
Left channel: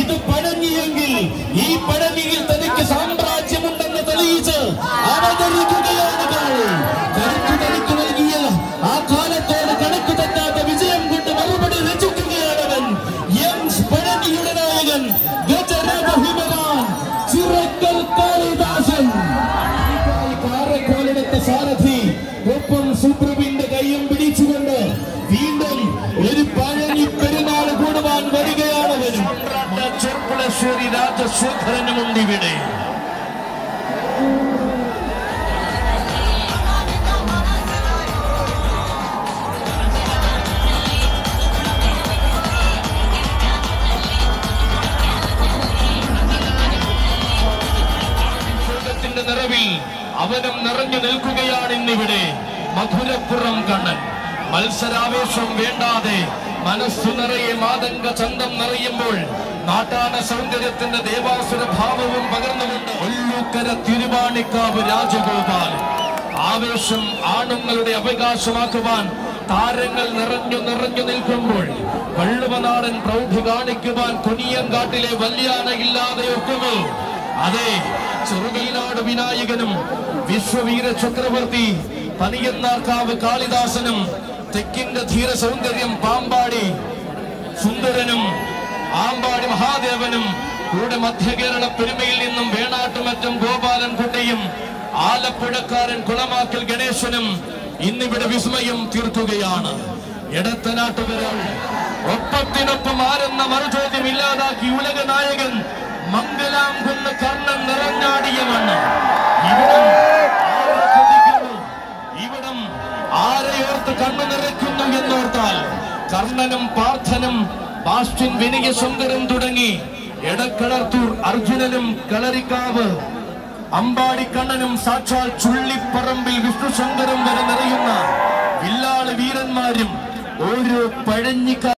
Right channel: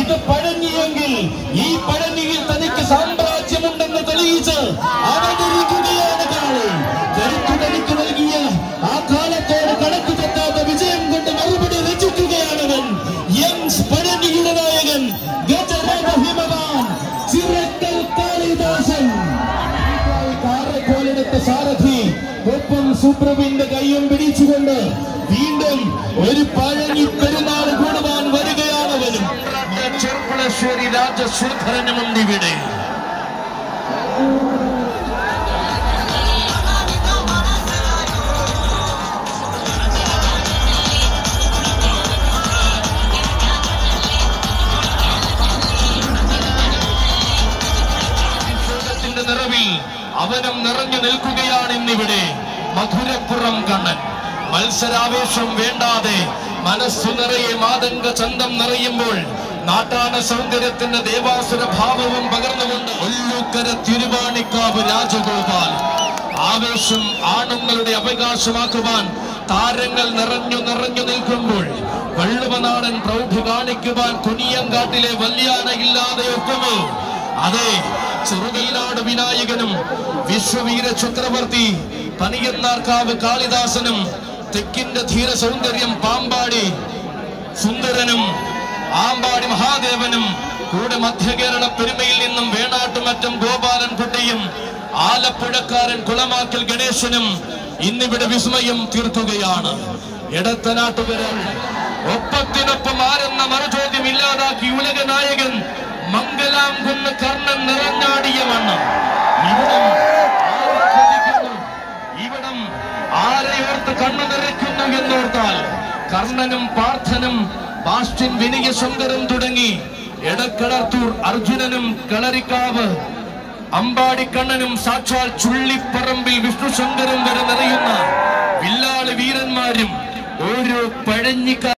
ഇത് പഴഞ്ഞിയെങ്കിൽ ഈ പഴഞ്ഞിയിൽ തനിക്ക് സാമ്രാജ്യമുണ്ടെന്ന് തെളിയിച്ച് അവതരിക്കുകയാണ് കാളി. കരുത്തു നൽകിയ ആ കാലത്തോട് കണക്ക് തെറ്റാത്ത വിജയം കൊണ്ട് മറുപടി രചിക്കുകയാണവൻ. പഴഞ്ഞിയുടെ നായകൻ ഗജരാജ ഹിമവാൻ ചിറക്കൽ കാളിദാസൻ. കാരക്കോലെടുത്ത സാരഥി ഒപ്പം സുപ്രഭിന്റെ കയ്യും പിടിച്ചുകൊണ്ട് വീണ്ടും ഒരു പഴഞ്ഞി പെരുന്നാൾ കൂടുവാൻ വരികയാണവൻ. ചെർപ്പുളശ്ശേരി രാജശേഖരനുമുണ്ട് ഇവിടെ. നിറവിൽ അവനും നിറഞ്ഞു നിൽക്കുകയാണ് ഇന്നിവിടെ മധുരപ്പുറം കണ്ണൻ. മത്സരാവേശം വേണ്ടാതെ മനസ്സു നിറയെ മാതംഗ ചന്തം നിറയുമ്പോൾ നാട്ടാന സൗന്ദര്യത്തിന്റെ ദേവാസുര ഭാവവും പകർന്നുകൊണ്ട് ഒല്ലൂക്കര തിരുവാണിക്കാവ് രാജഗോപാൽ. ആവേശം ആണുങ്ങളുടെ അവകാശമാക്കുവാൻ താരങ്ങൾ നിറഞ്ഞു നിൽക്കുമ്പോൾ വള്ളുവനാടൻ പ്രൗഢി കാണിക്കുവാൻ കൊനിയങ്കാട്ടിലെ വല്യാനയില്ലാതെ ഒക്കുമോ? അതെ, ചെറുകൈനാട് വിനായകനും വിശ്വവീര ചക്രവർത്തി പനയന്നാർക്കാവ് കാളിദാസനും തെക്കിന്റെ ധീര സൗന്ദര്യം പാമ്പാടി സുന്ദരനും ആമ്പാടി അങ്ങാടി മഹാദേവനും കൂടെ മധ്യ കേരള പെരുമയിൽ നിന്നും വേണാട്ടുമറ്റം ഗോപാലൻകുട്ടിയും ആലപ്പുഴക്കാരൻ കുളമാക്കൽ ഗണേശനും ഇന്നിവിടെ വിസ്മയം തീർക്കുകയാണ്. എടത്തനാട്ടുകര ഒപ്പത്തിനൊപ്പം ആരെന്ന മറുചോദ്യം ഇല്ലാതാക്കി ഉലക നായകൻ മംഗലാംകുന്ന് കർണൻ നിറഞ്ഞാടിയ മണ്ണ്. ഇവിടം ആരെയോർത്ത് കണ്ണു നിറയ്ക്കുന്നു എന്നോർത്താൽ കർണനും പാർത്ഥനും ബാസ്റ്റിൻ വിനയസുന്ദരം തുടങ്ങി എടക്കളത്തൂർ അർജുനനും കളരിക്കാവ് അമ്പാടിക്കണ്ണനും സാക്ഷാൽ ചുള്ളിപ്പറമ്പിൽ വിഷ്ണുശങ്കരം വരെ നിറയുന്ന വില്ലാളി വീരന്മാരും ഓരോ പഴഞ്ഞിക്ക